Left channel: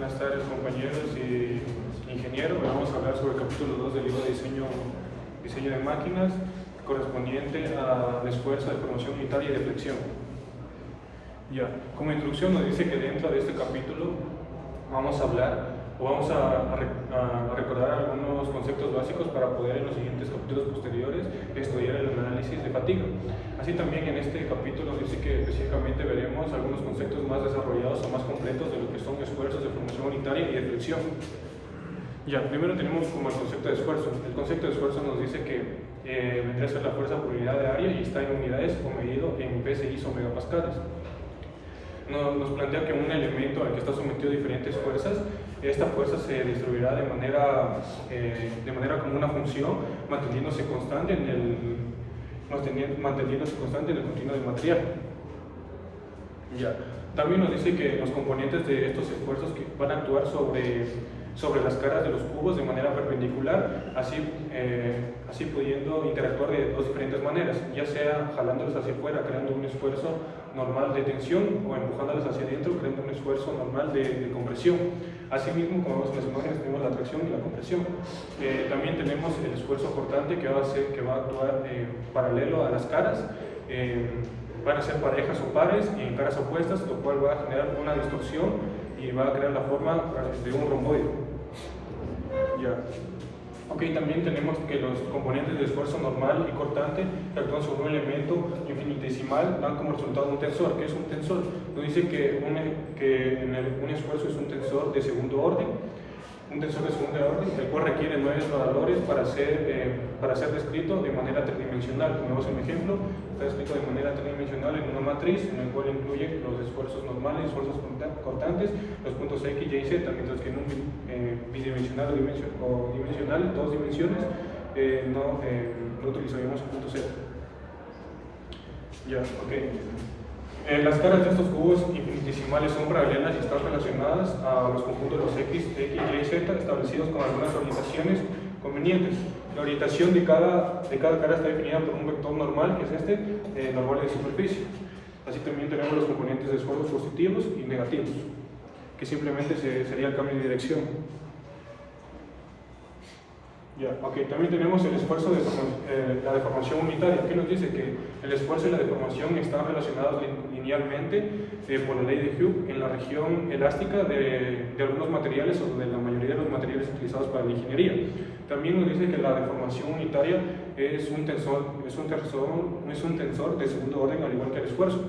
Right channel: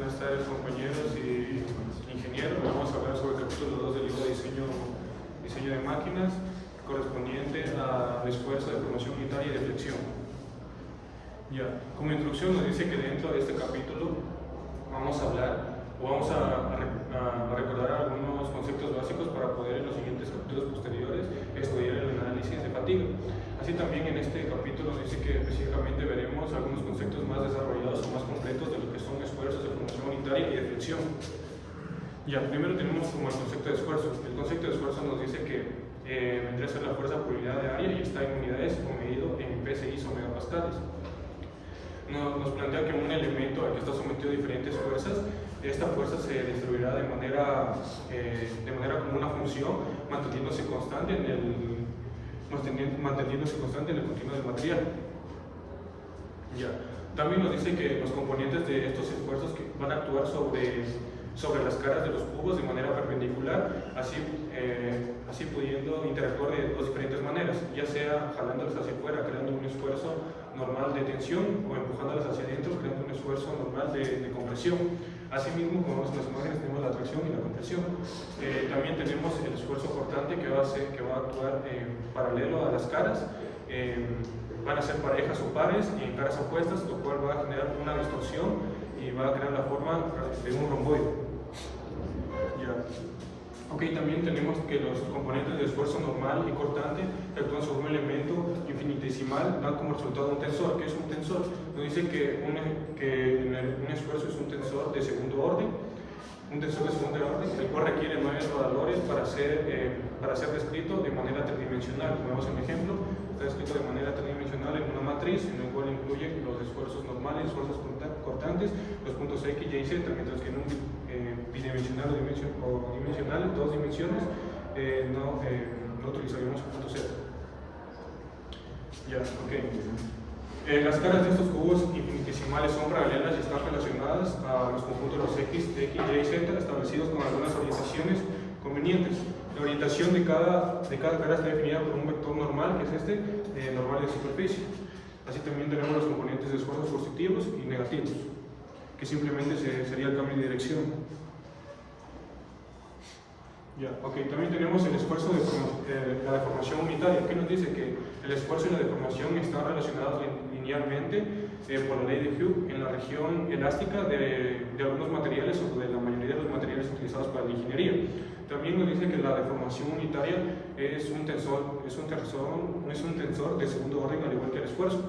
Buenas tardes, compañeros y ingenieros. Vamos a hablar sobre el capítulo 2 del libro de diseño de máquinas, correspondiente al esfuerzo de promoción unitaria y de flexión. Ya, como introducción nos dice que dentro de este capítulo vamos a hablar o vamos a recordar algunos conceptos básicos para poder en los siguientes capítulos posteriores estudiar el análisis de fatiga. Así también en este capítulo dice que específicamente veremos algunos conceptos más desarrollados o más completos de lo que son esfuerzos de formación unitaria y de flexión. Ya, primero tenemos como el concepto de esfuerzo. El concepto de esfuerzo nos dice que vendrá a ser la fuerza por unidad de área y está en unidades o medido en PSI o megapascales. Nos plantea que un elemento al que está sometido a diferentes fuerzas, esta fuerza se distribuirá de manera como una función, manteniéndose constante en el continuo del material. Ya. También nos dice que los componentes de estos esfuerzos que van a actuar sobre las caras de los cubos de manera perpendicular, así pudiendo interactuar de dos diferentes maneras, ya sea jalándolos hacia afuera, creando un esfuerzo normal de tensión, o empujándolos hacia adentro, creando un esfuerzo normal de compresión. Asimismo, como vemos en las imágenes, tenemos la tracción y la compresión. También tenemos el esfuerzo cortante que va a actuar paralelo a las caras. Van a ser parejas o pares y en caras opuestas, lo cual va a generar una distorsión y va a crear la forma de un romboide. Ya. Ok, también tenemos que los componentes de esfuerzo normal y cortante que actúan sobre un elemento infinitesimal dan como resultado un tensor. ¿Qué es un tensor? Nos dice que un esfuerzo es un tensor de segundo orden. Un tensor de segundo orden, el cual requiere 9 valores para ser descrito de manera tridimensional. Ponemos un ejemplo, está descrito de manera tridimensional en una matriz en la cual incluye los esfuerzos normales, esfuerzos cortantes, los puntos X, Y, Z, mientras que en un bidimensional o dimensional, en dos dimensiones, no utilizaríamos el punto Z. Ya, ok. Las caras de estos cubos infinitesimales son paralelas y están relacionadas a los conjuntos de los X, Y, Z establecidos con algunas orientaciones convenientes. La orientación de cada cara está definida por un vector normal, que es normal de superficie. Así también tenemos los componentes de esfuerzos positivos y negativos, que simplemente sería el cambio de dirección. Ya, ok, también tenemos el esfuerzo de la deformación unitaria, que nos dice que el esfuerzo y la deformación están relacionados linealmente por la ley de Hooke en la región elástica de algunos materiales o de la mayoría de los materiales utilizados para la ingeniería. También nos dice que la deformación unitaria es un tensor de segundo orden al igual que el esfuerzo.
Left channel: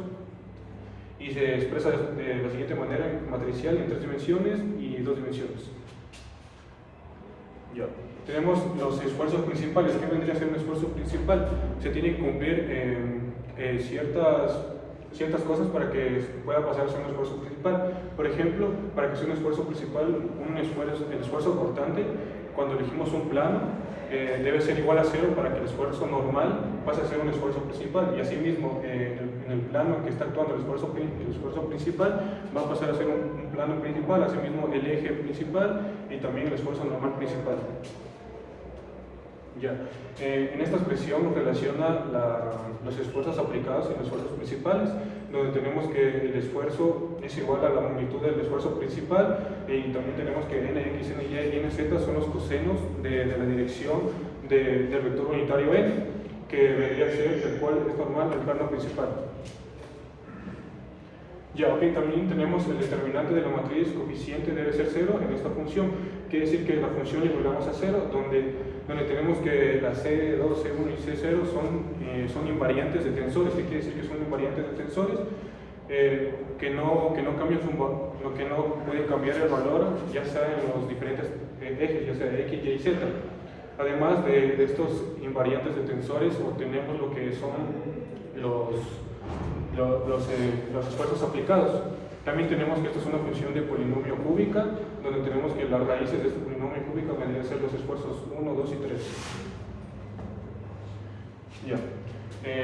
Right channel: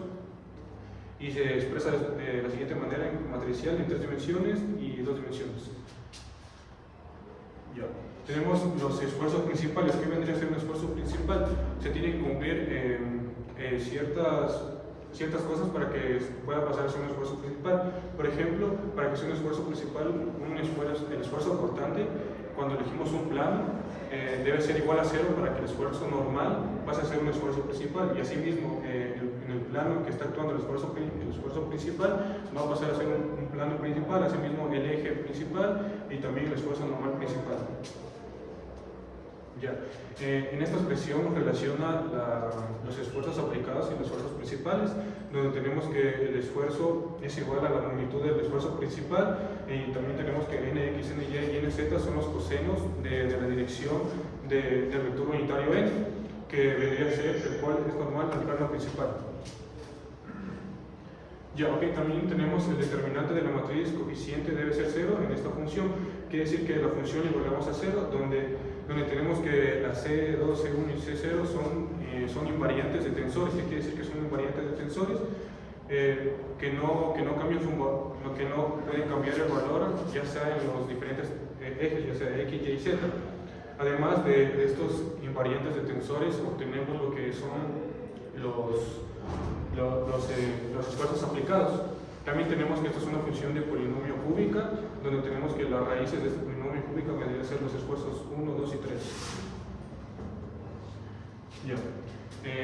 Y se expresa de la siguiente manera: matricial en 3 dimensiones y 2 dimensiones. Ya. Tenemos los esfuerzos principales. ¿Qué vendría a ser un esfuerzo principal? Se tienen que cumplir ciertas cosas para que pueda pasar a ser un esfuerzo principal. Por ejemplo, para que sea un esfuerzo principal, el esfuerzo cortante, cuando elegimos un plano, debe ser igual a 0 para que el esfuerzo normal pase a ser un esfuerzo principal. Y asimismo, en el plano en que está actuando el esfuerzo principal va a pasar a ser un plano principal, asimismo el eje principal y también el esfuerzo normal principal. Ya. En esta expresión nos relaciona los esfuerzos aplicados y los esfuerzos principales, donde tenemos que el esfuerzo es igual a la magnitud del esfuerzo principal, y también tenemos que n, x, n, y n, z son los cosenos de la dirección del vector unitario n, que debería ser el cual es normal del plano principal. Ya, ok, también tenemos el determinante de la matriz coeficiente debe ser 0 en esta función. Quiere decir que la función igualamos a 0, donde tenemos que la C2, C1 y C0 son invariantes de tensores. ¿Qué quiere decir que son invariantes de tensores? Que no cambian lo que no puede cambiar el valor, ya sea en los diferentes ejes, ya sea X, Y, Z. Además de estos invariantes de tensores, obtenemos lo que son los esfuerzos aplicados. También tenemos que esta es una función de polinomio cúbica, donde tenemos que las raíces de este polinomio cúbico vendrían a ser los esfuerzos 1, 2 y 3. Ya.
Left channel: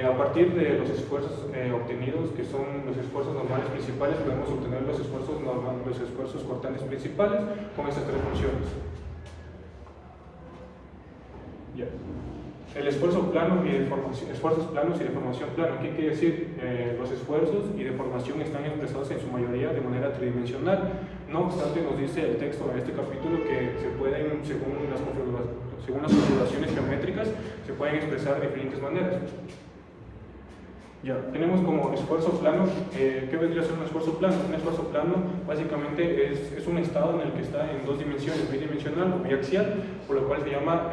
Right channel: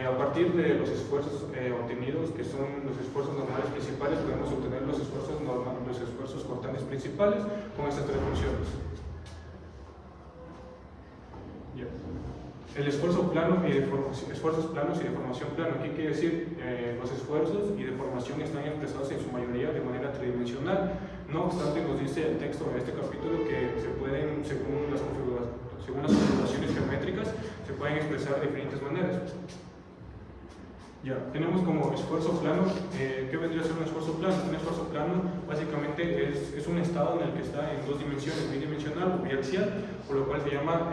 A partir de los esfuerzos obtenidos, que son los esfuerzos normales principales, podemos obtener los esfuerzos cortantes principales con estas 3 funciones. Ya. El esfuerzo plano y esfuerzos planos y deformación plana. ¿Qué quiere decir? Los esfuerzos y deformación están expresados en su mayoría de manera tridimensional. No obstante, nos dice el texto de este capítulo que se pueden, según las configuraciones geométricas, se pueden expresar de diferentes maneras. Ya, tenemos como esfuerzo plano. ¿Qué vendría a ser un esfuerzo plano? Un esfuerzo plano básicamente es un estado en el que está en dos dimensiones, bidimensional o biaxial, por lo cual se llama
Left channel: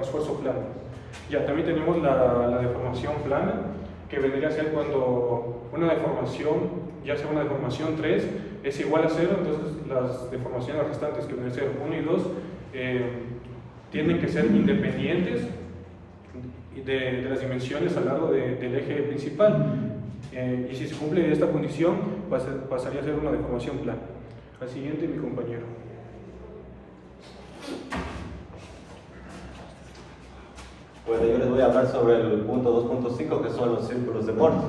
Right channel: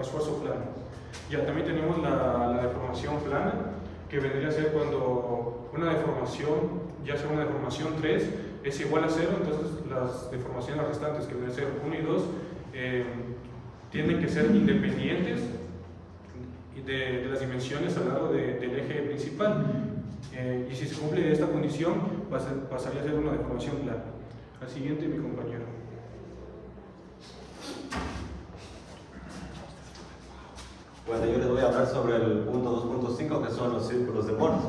esfuerzo plano. Ya, también tenemos la deformación plana, que vendría a ser cuando una deformación, ya sea una deformación 3, es igual a 0, entonces las deformaciones restantes, que deben ser 1 y 2, tienen que ser independientes de las dimensiones al lado del eje principal, y si se cumple esta condición pasaría a ser una deformación plana. Al siguiente, mi compañero. Bueno, yo les voy a hablar sobre el punto 2.5, que son los círculos de Morse.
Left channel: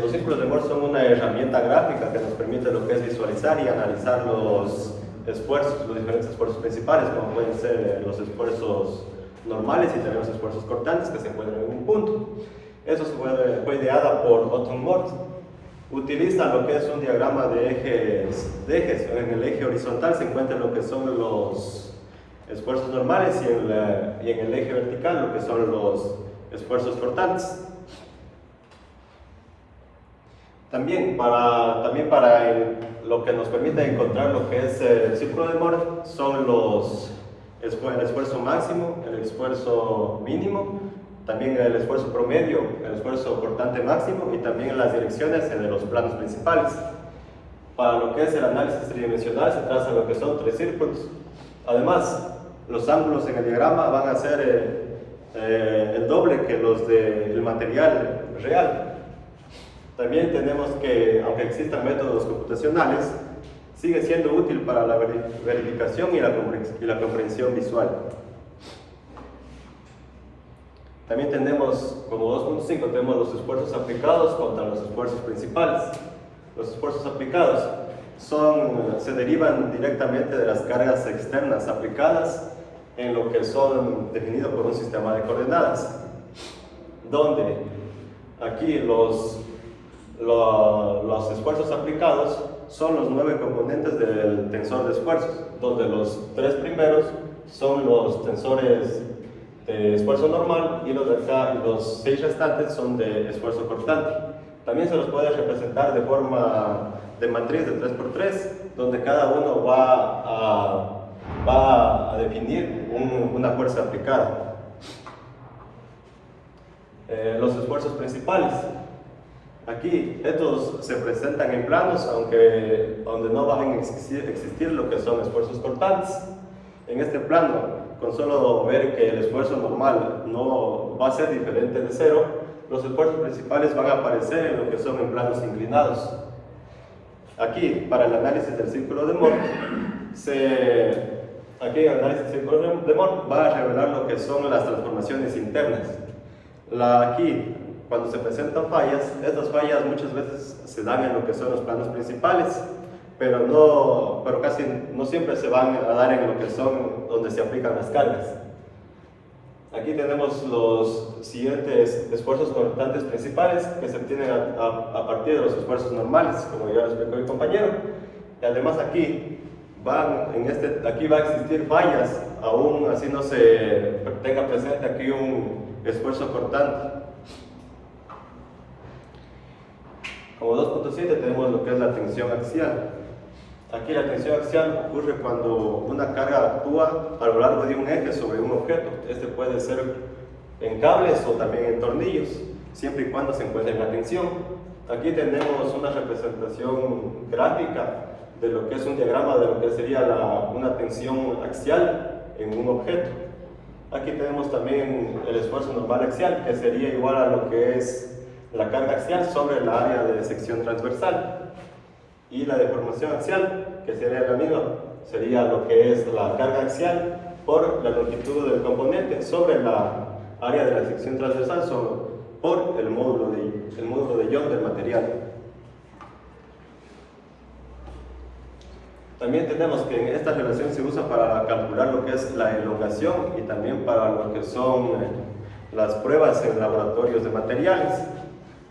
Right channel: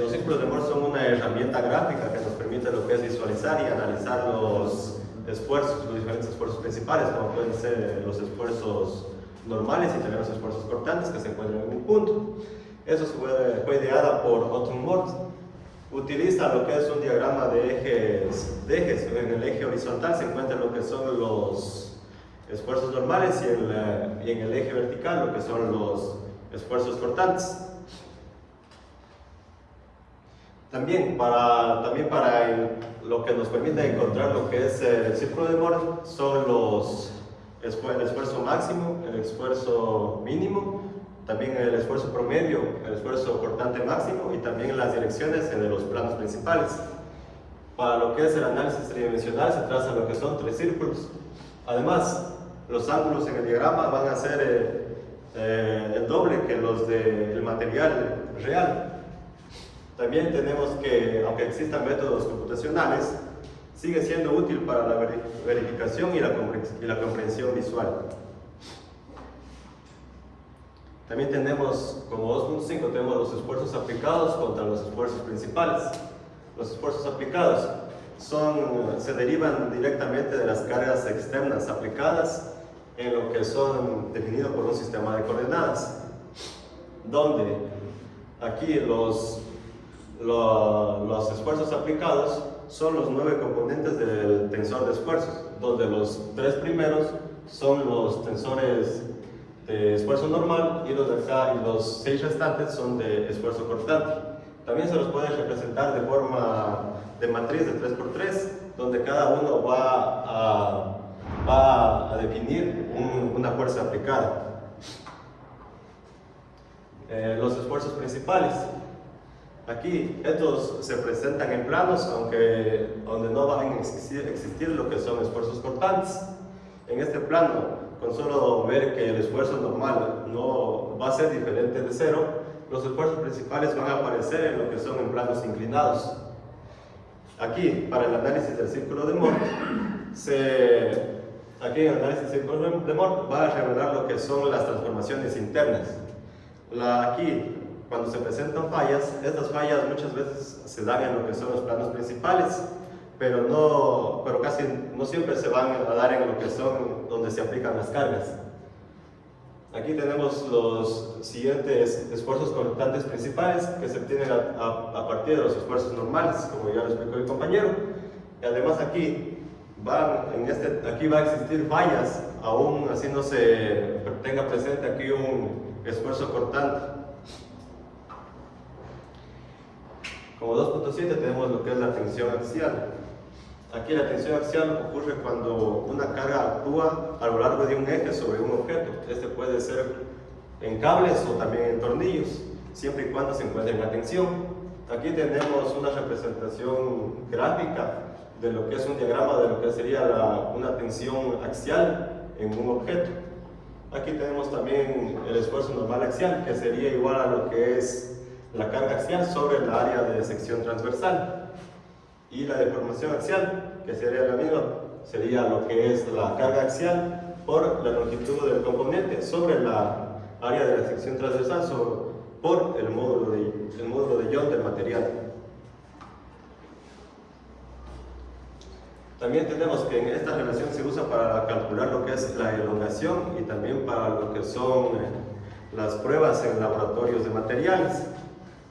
Los círculos de Morse son una herramienta gráfica que nos permite lo que es visualizar y analizar los esfuerzos, los diferentes esfuerzos principales, como pueden ser los esfuerzos normales y también los esfuerzos cortantes que se encuentran en un punto. Eso fue ideada por Otto Morse. Utiliza lo que es un diagrama de ejes. En el eje horizontal se encuentran lo que son los esfuerzos normales y en el eje vertical lo que son los esfuerzos cortantes. También para lo que nos permite encontrar lo que es el círculo de Morse son el esfuerzo máximo, el esfuerzo mínimo, también el esfuerzo promedio, el esfuerzo cortante máximo y también las direcciones de los planos principales. Para lo que es el análisis tridimensional se trazan lo que son 3 círculos. Además, los ángulos en el diagrama van a ser el doble que los del material real. También tenemos que, aunque existan métodos computacionales, sigue siendo útil para la verificación y la comprensión visual. También tenemos, como 2.5, tenemos los esfuerzos aplicados contra los esfuerzos principales. Los esfuerzos aplicados se derivan directamente de las cargas externas aplicadas en lo que son definidos por un sistema de coordenadas, donde aquí los esfuerzos aplicados son los 9 componentes del tensor de esfuerzos, donde los 3 primeros son los tensores de esfuerzo normal y los de acá y los 6 restantes son de esfuerzo cortante. También se los puede representar de forma de matriz de 3×3, donde cada uno va a definir una fuerza aplicada. Los esfuerzos principales. Aquí estos se presentan en planos, donde no van a existir lo que son esfuerzos cortantes. En este plano, con solo ver que el esfuerzo normal no va a ser diferente de 0, los esfuerzos principales van a aparecer en lo que son en planos inclinados. Aquí, para el análisis del círculo de Morse, aquí el análisis del círculo de Morse va a revelar lo que son las transformaciones internas. Aquí, cuando se presentan fallas, estas fallas muchas veces se dan en lo que son los planos principales, pero casi no siempre se van a dar en lo que son donde se aplican las cargas. Aquí tenemos los siguientes esfuerzos cortantes principales que se obtienen a partir de los esfuerzos normales, como ya lo explicó el compañero. Y además aquí va a existir fallas, aún así no se tenga presente aquí un esfuerzo cortante. Como 2.7 tenemos lo que es la tensión axial. Aquí la tensión axial ocurre cuando una carga actúa a lo largo de un eje sobre un objeto. Este puede ser en cables o también en tornillos, siempre y cuando se encuentre en la tensión. Aquí tenemos una representación gráfica de lo que es un diagrama de lo que sería una tensión axial en un objeto. Aquí tenemos también el esfuerzo normal axial, que sería igual a lo que es la carga axial sobre la área de sección transversal. Y la deformación axial, que sería la misma, sería lo que es la carga axial por la longitud del componente sobre la área de la sección transversal por el módulo de Young del material. También tenemos que en esta relación se usa para calcular lo que es la elongación y también para lo que son las pruebas en laboratorios de materiales.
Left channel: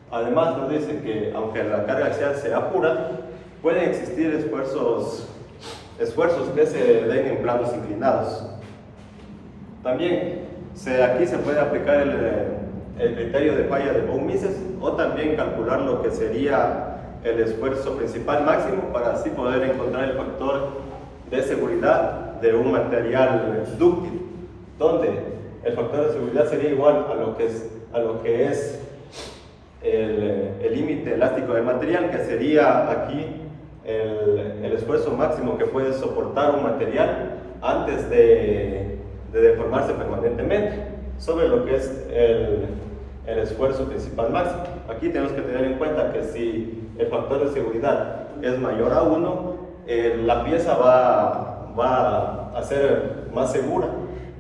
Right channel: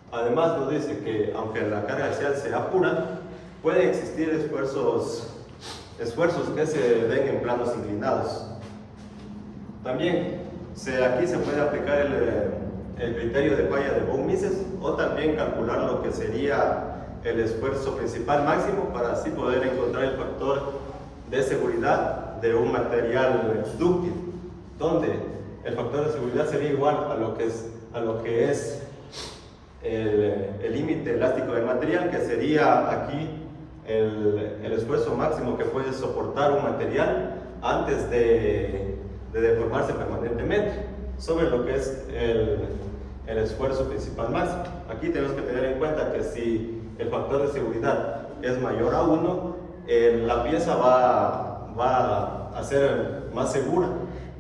Además nos dice que aunque la carga axial sea pura, pueden existir esfuerzos que se den en planos inclinados. También aquí se puede aplicar el criterio de falla de von Mises o también calcular lo que sería el esfuerzo principal máximo para así poder encontrar el factor de seguridad de un material dúctil, donde el factor de seguridad sería igual a lo que es el límite elástico del material, que sería aquí el esfuerzo máximo que puede soportar un material antes de deformarse permanentemente, sobre lo que es el esfuerzo principal máximo. Aquí tenemos que tener en cuenta que si el factor de seguridad es mayor a 1, la pieza va a ser más segura,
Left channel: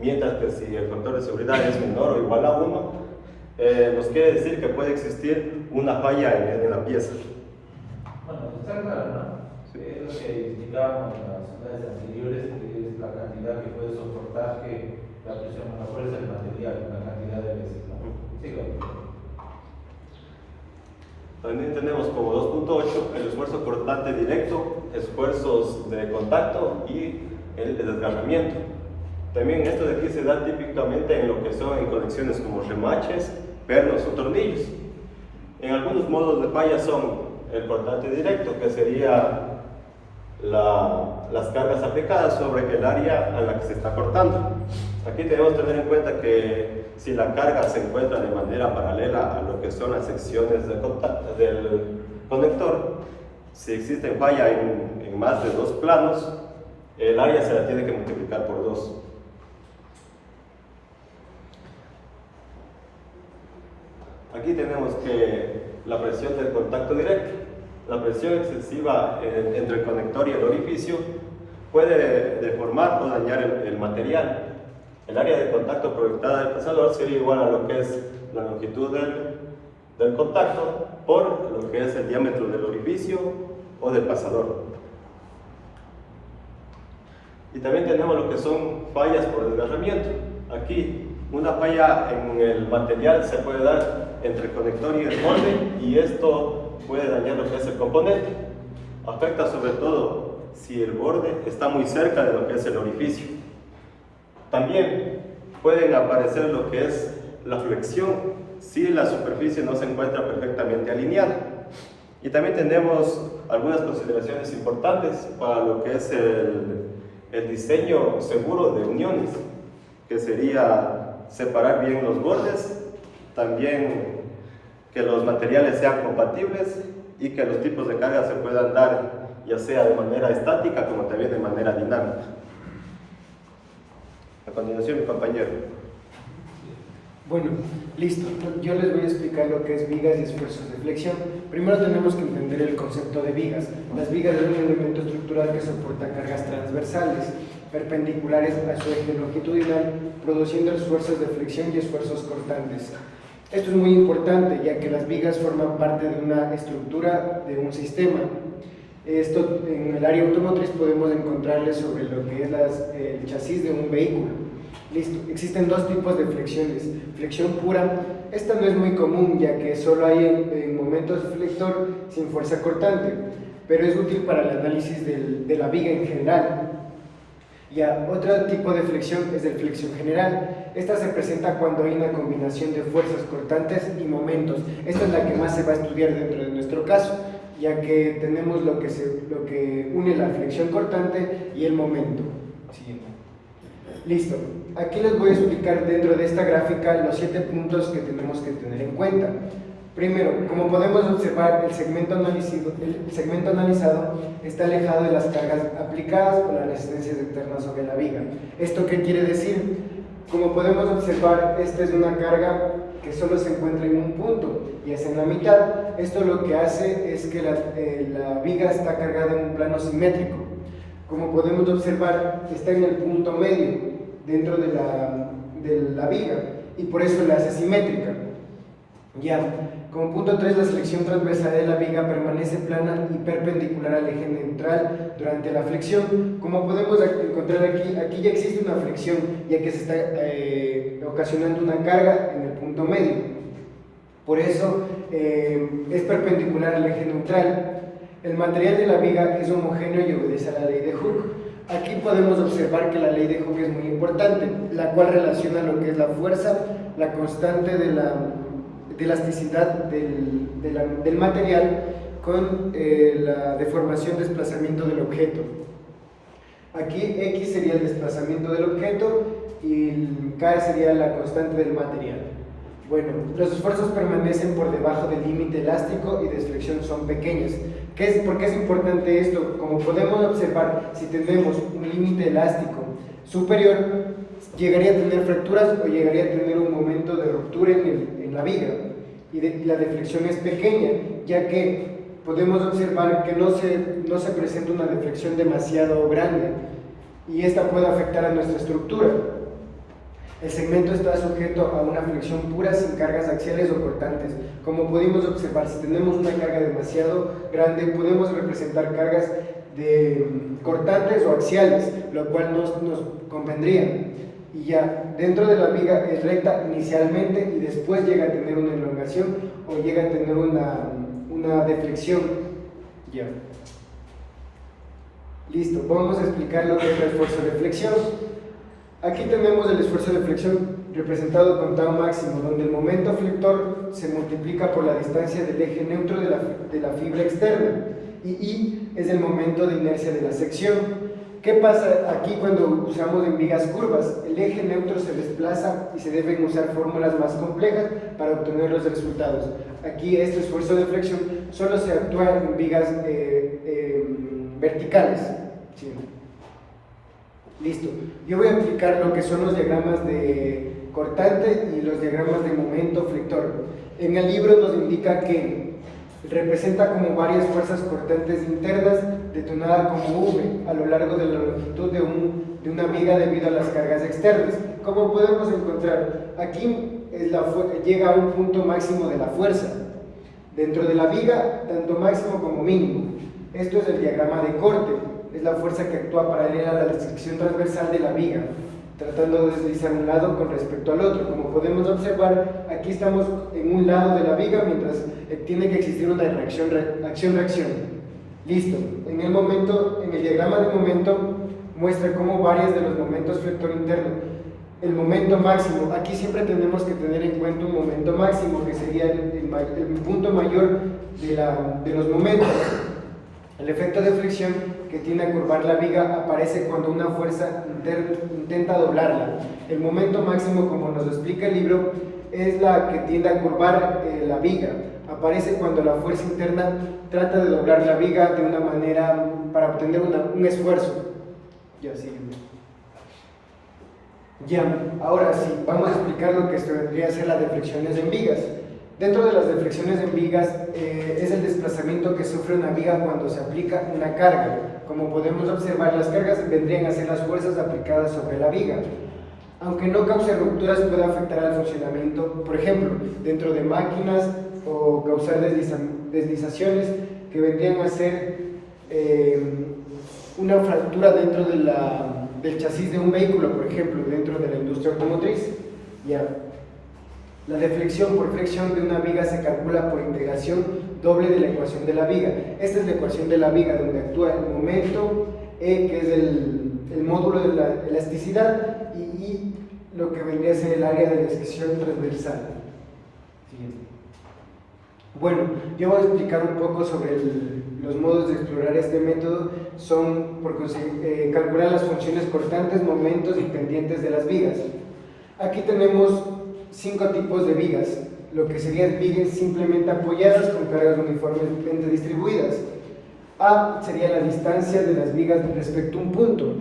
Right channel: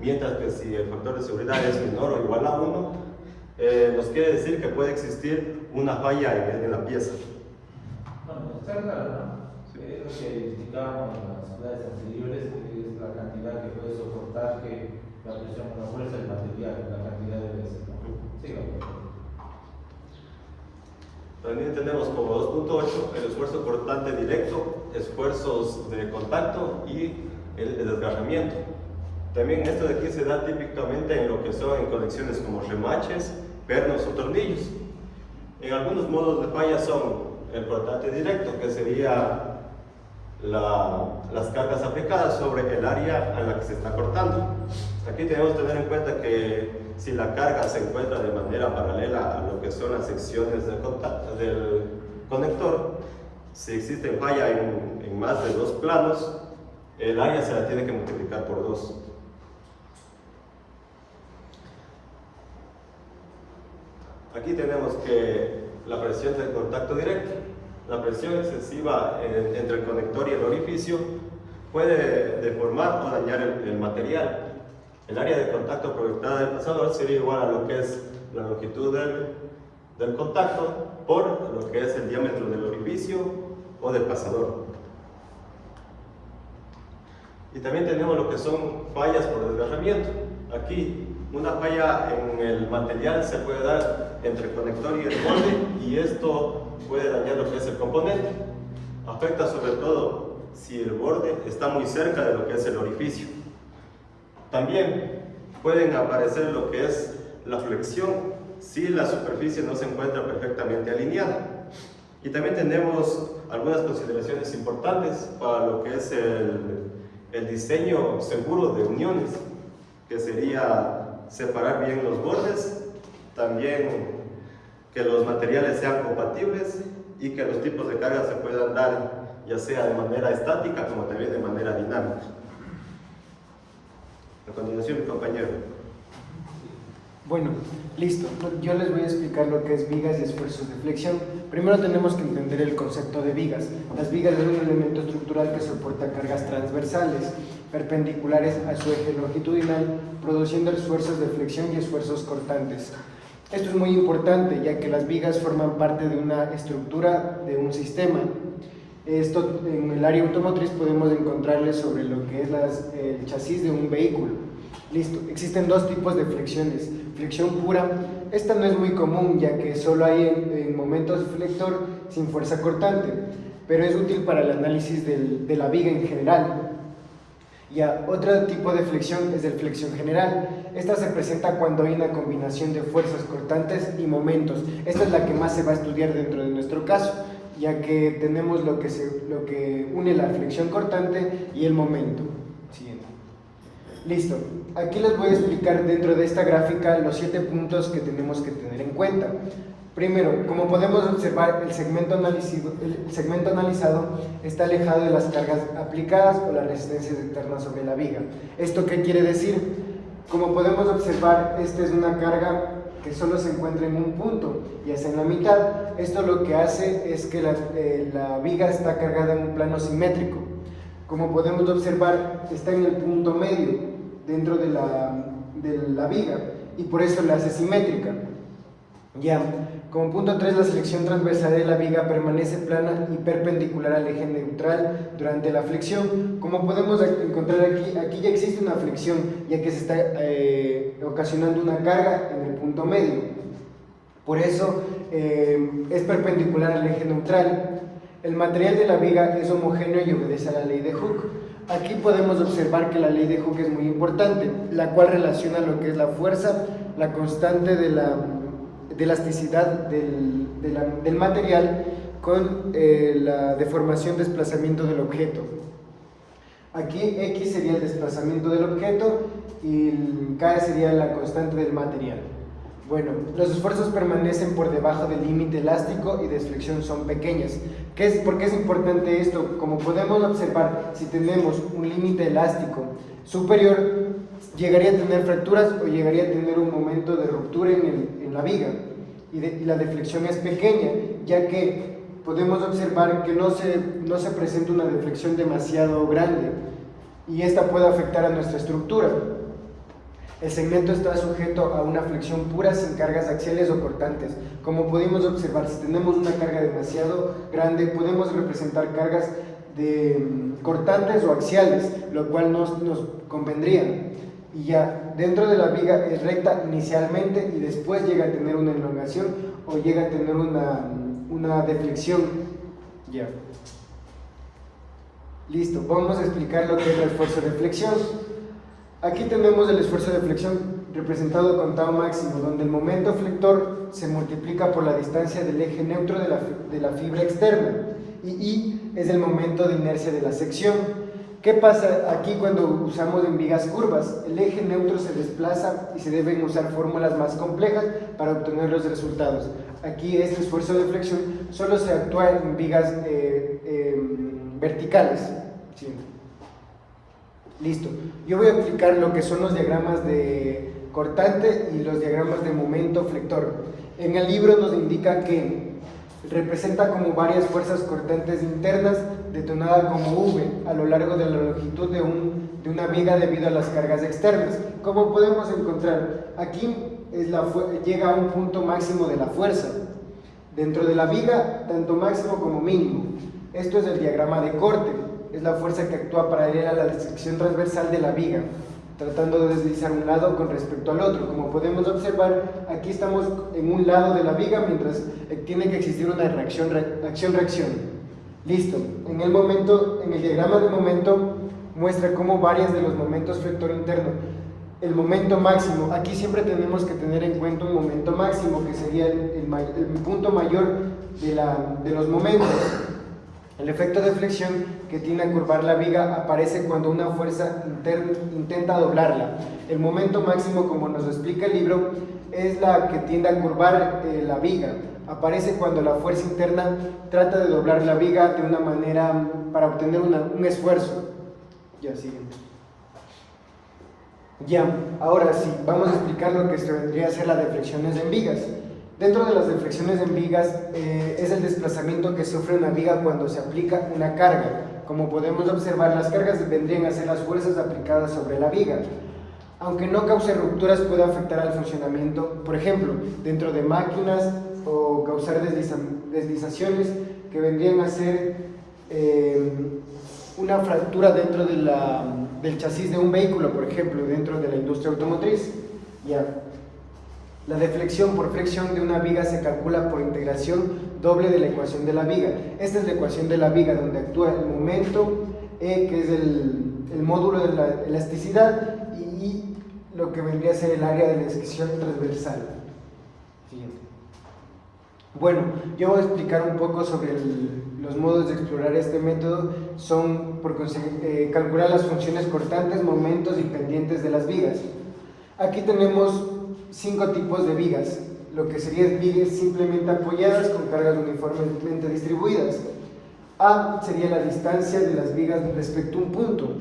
mientras que si el factor de seguridad es menor o igual a 1, nos quiere decir que puede existir una falla en la pieza. Bueno, está claro, ¿no? Sí. Es lo que indicábamos en las unidades anteriores, que es la cantidad que puede soportar que la presión o la fuerza del material, la cantidad de veces, ¿no? Sigamos. También tenemos como 2.8 el esfuerzo cortante directo, esfuerzos de contacto y el desgarramiento. También esto de aquí se da típicamente en lo que son en conexiones como remaches, pernos o tornillos. En algunos modos de falla son el cortante directo, que sería las cargas aplicadas sobre el área a la que se está cortando. Aquí debemos tener en cuenta que si la carga se encuentra de manera paralela a lo que son las secciones del conector, si existe falla en más de 2 planos, el área se la tiene que multiplicar por 2. Aquí tenemos que la presión del contacto directo, la presión excesiva entre el conector y el orificio puede deformar o dañar el material. El área de contacto proyectada del pasador sería igual a lo que es la longitud del contacto por lo que es el diámetro del orificio o del pasador. Y también tenemos lo que son fallas por desgarramiento. Aquí una falla en el material se puede dar entre el conector y el borde, y esto puede dañar lo que es el componente. Afecta sobre todo si el borde está muy cerca de lo que es el orificio. También pueden aparecer lo que es la flexión si la superficie no se encuentra perfectamente alineada. Y también tenemos algunas consideraciones importantes para lo que es el diseño seguro de uniones, que sería separar bien los bordes, también que los materiales sean compatibles y que los tipos de carga se puedan dar ya sea de manera estática como también de manera dinámica. A continuación, mi compañero. Bueno, listo. Yo les voy a explicar lo que es vigas y esfuerzos de flexión. Primero tenemos que entender el concepto de vigas. Las vigas es un elemento estructural que soporta cargas transversales, perpendiculares a su eje longitudinal, produciendo esfuerzos de flexión y esfuerzos cortantes. Esto es muy importante, ya que las vigas forman parte de una estructura de un sistema. Esto en el área automotriz podemos encontrarles sobre lo que es el chasis de un vehículo. Listo. Existen 2 tipos de flexiones. Flexión pura, esta no es muy común, ya que solo hay en momentos flector sin fuerza cortante, pero es útil para el análisis de la viga en general. Otro tipo de flexión es de flexión general. Esta se presenta cuando hay una combinación de fuerzas cortantes y momentos. Esta es la que más se va a estudiar dentro de nuestro caso, ya que tenemos lo que une la flexión cortante y el momento. Siguiente. Listo. Aquí les voy a explicar dentro de esta gráfica los 7 puntos que tenemos que tener en cuenta. Primero, como podemos observar, el segmento analizado está alejado de las cargas aplicadas o las resistencias externas sobre la viga. ¿Esto qué quiere decir? Como podemos observar, esta es una carga que solo se encuentra en un punto, ya sea en la mitad. Esto lo que hace es que la viga está cargada en un plano simétrico. Como podemos observar, está en el punto medio dentro de la viga y por eso la hace simétrica. Como punto 3, la sección transversal de la viga permanece plana y perpendicular al eje neutral durante la flexión. Como podemos encontrar aquí ya existe una flexión, ya que se está ocasionando una carga en el punto medio. Por eso es perpendicular al eje neutral. El material de la viga es homogéneo y obedece a la ley de Hooke. Aquí podemos observar que la ley de Hooke es muy importante, la cual relaciona lo que es la fuerza, la constante de la elasticidad del material con la deformación, desplazamiento del objeto. Aquí X sería el desplazamiento del objeto y K sería la constante del material. Bueno, los esfuerzos permanecen por debajo del límite elástico y de flexión son pequeñas. ¿Por qué es importante esto? Como podemos observar, si tenemos un límite elástico superior, llegaría a tener fracturas o llegaría a tener un momento de ruptura en la viga. Y la deflexión es pequeña, ya que podemos observar que no se presenta una deflexión demasiado grande y esta puede afectar a nuestra estructura. El segmento está sujeto a una flexión pura sin cargas axiales o cortantes. Como pudimos observar, si tenemos una carga demasiado grande, podemos representar cargas cortantes o axiales, lo cual nos convendría. Y ya, dentro de la viga es recta inicialmente y después llega a tener una elongación o llega a tener una deflexión. Ya. Listo, vamos a explicar lo que es el esfuerzo de flexión. Aquí tenemos el esfuerzo de flexión representado con tau máximo, donde el momento flector se multiplica por la distancia del eje neutro de la fibra externa y I es el momento de inercia de la sección. ¿Qué pasa aquí cuando usamos en vigas curvas? El eje neutro se desplaza y se deben usar fórmulas más complejas para obtener los resultados. Aquí este esfuerzo de flexión solo se actúa en vigas verticales. Sí. Listo. Yo voy a explicar lo que son los diagramas de cortante y los diagramas de momento flector. En el libro nos indica que representa como varias fuerzas cortantes internas detonadas como V a lo largo de la longitud de una viga debido a las cargas externas. Como podemos encontrar, aquí llega a un punto máximo de la fuerza. Dentro de la viga, tanto máximo como mínimo. Esto es el diagrama de corte. Es la fuerza que actúa paralela a la sección transversal de la viga, tratando de deslizar un lado con respecto al otro. Como podemos observar, aquí estamos en un lado de la viga, mientras tiene que existir una acción-reacción. Listo. En el diagrama de momento muestra cómo varias de los momentos flector interno. El momento máximo, aquí siempre tenemos que tener en cuenta un momento máximo, que sería el punto mayor de los momentos. El efecto de flexión que tiende a curvar la viga aparece cuando una fuerza intenta doblarla. El momento máximo, como nos explica el libro, es la que tiende a curvar la viga. Aparece cuando la fuerza interna trata de doblar la viga de una manera para obtener un esfuerzo. Ya, sí. Ya, ahora sí, vamos a explicar lo que vendría a ser las deflexiones en vigas. Dentro de las deflexiones en vigas es el desplazamiento que sufre una viga cuando se aplica una carga. Como podemos observar, las cargas vendrían a ser las fuerzas aplicadas sobre la viga. Aunque no cause rupturas, puede afectar al funcionamiento, por ejemplo, dentro de máquinas o causar deslizaciones que vendrían a ser una fractura dentro del chasis de un vehículo, por ejemplo, dentro de la industria automotriz. Ya. La deflexión por flexión de una viga se calcula por integración doble de la ecuación de la viga. Esta es la ecuación de la viga, donde actúa el momento E, que es el módulo de la elasticidad, y I, lo que vendría a ser el área de la sección transversal. Bueno, yo voy a explicar un poco sobre los modos de explorar este método. Son por calcular las funciones cortantes, momentos y pendientes de las vigas. Aquí tenemos 5 tipos de vigas, lo que serían vigas simplemente apoyadas con cargas uniformemente distribuidas. A sería la distancia de las vigas respecto a un punto.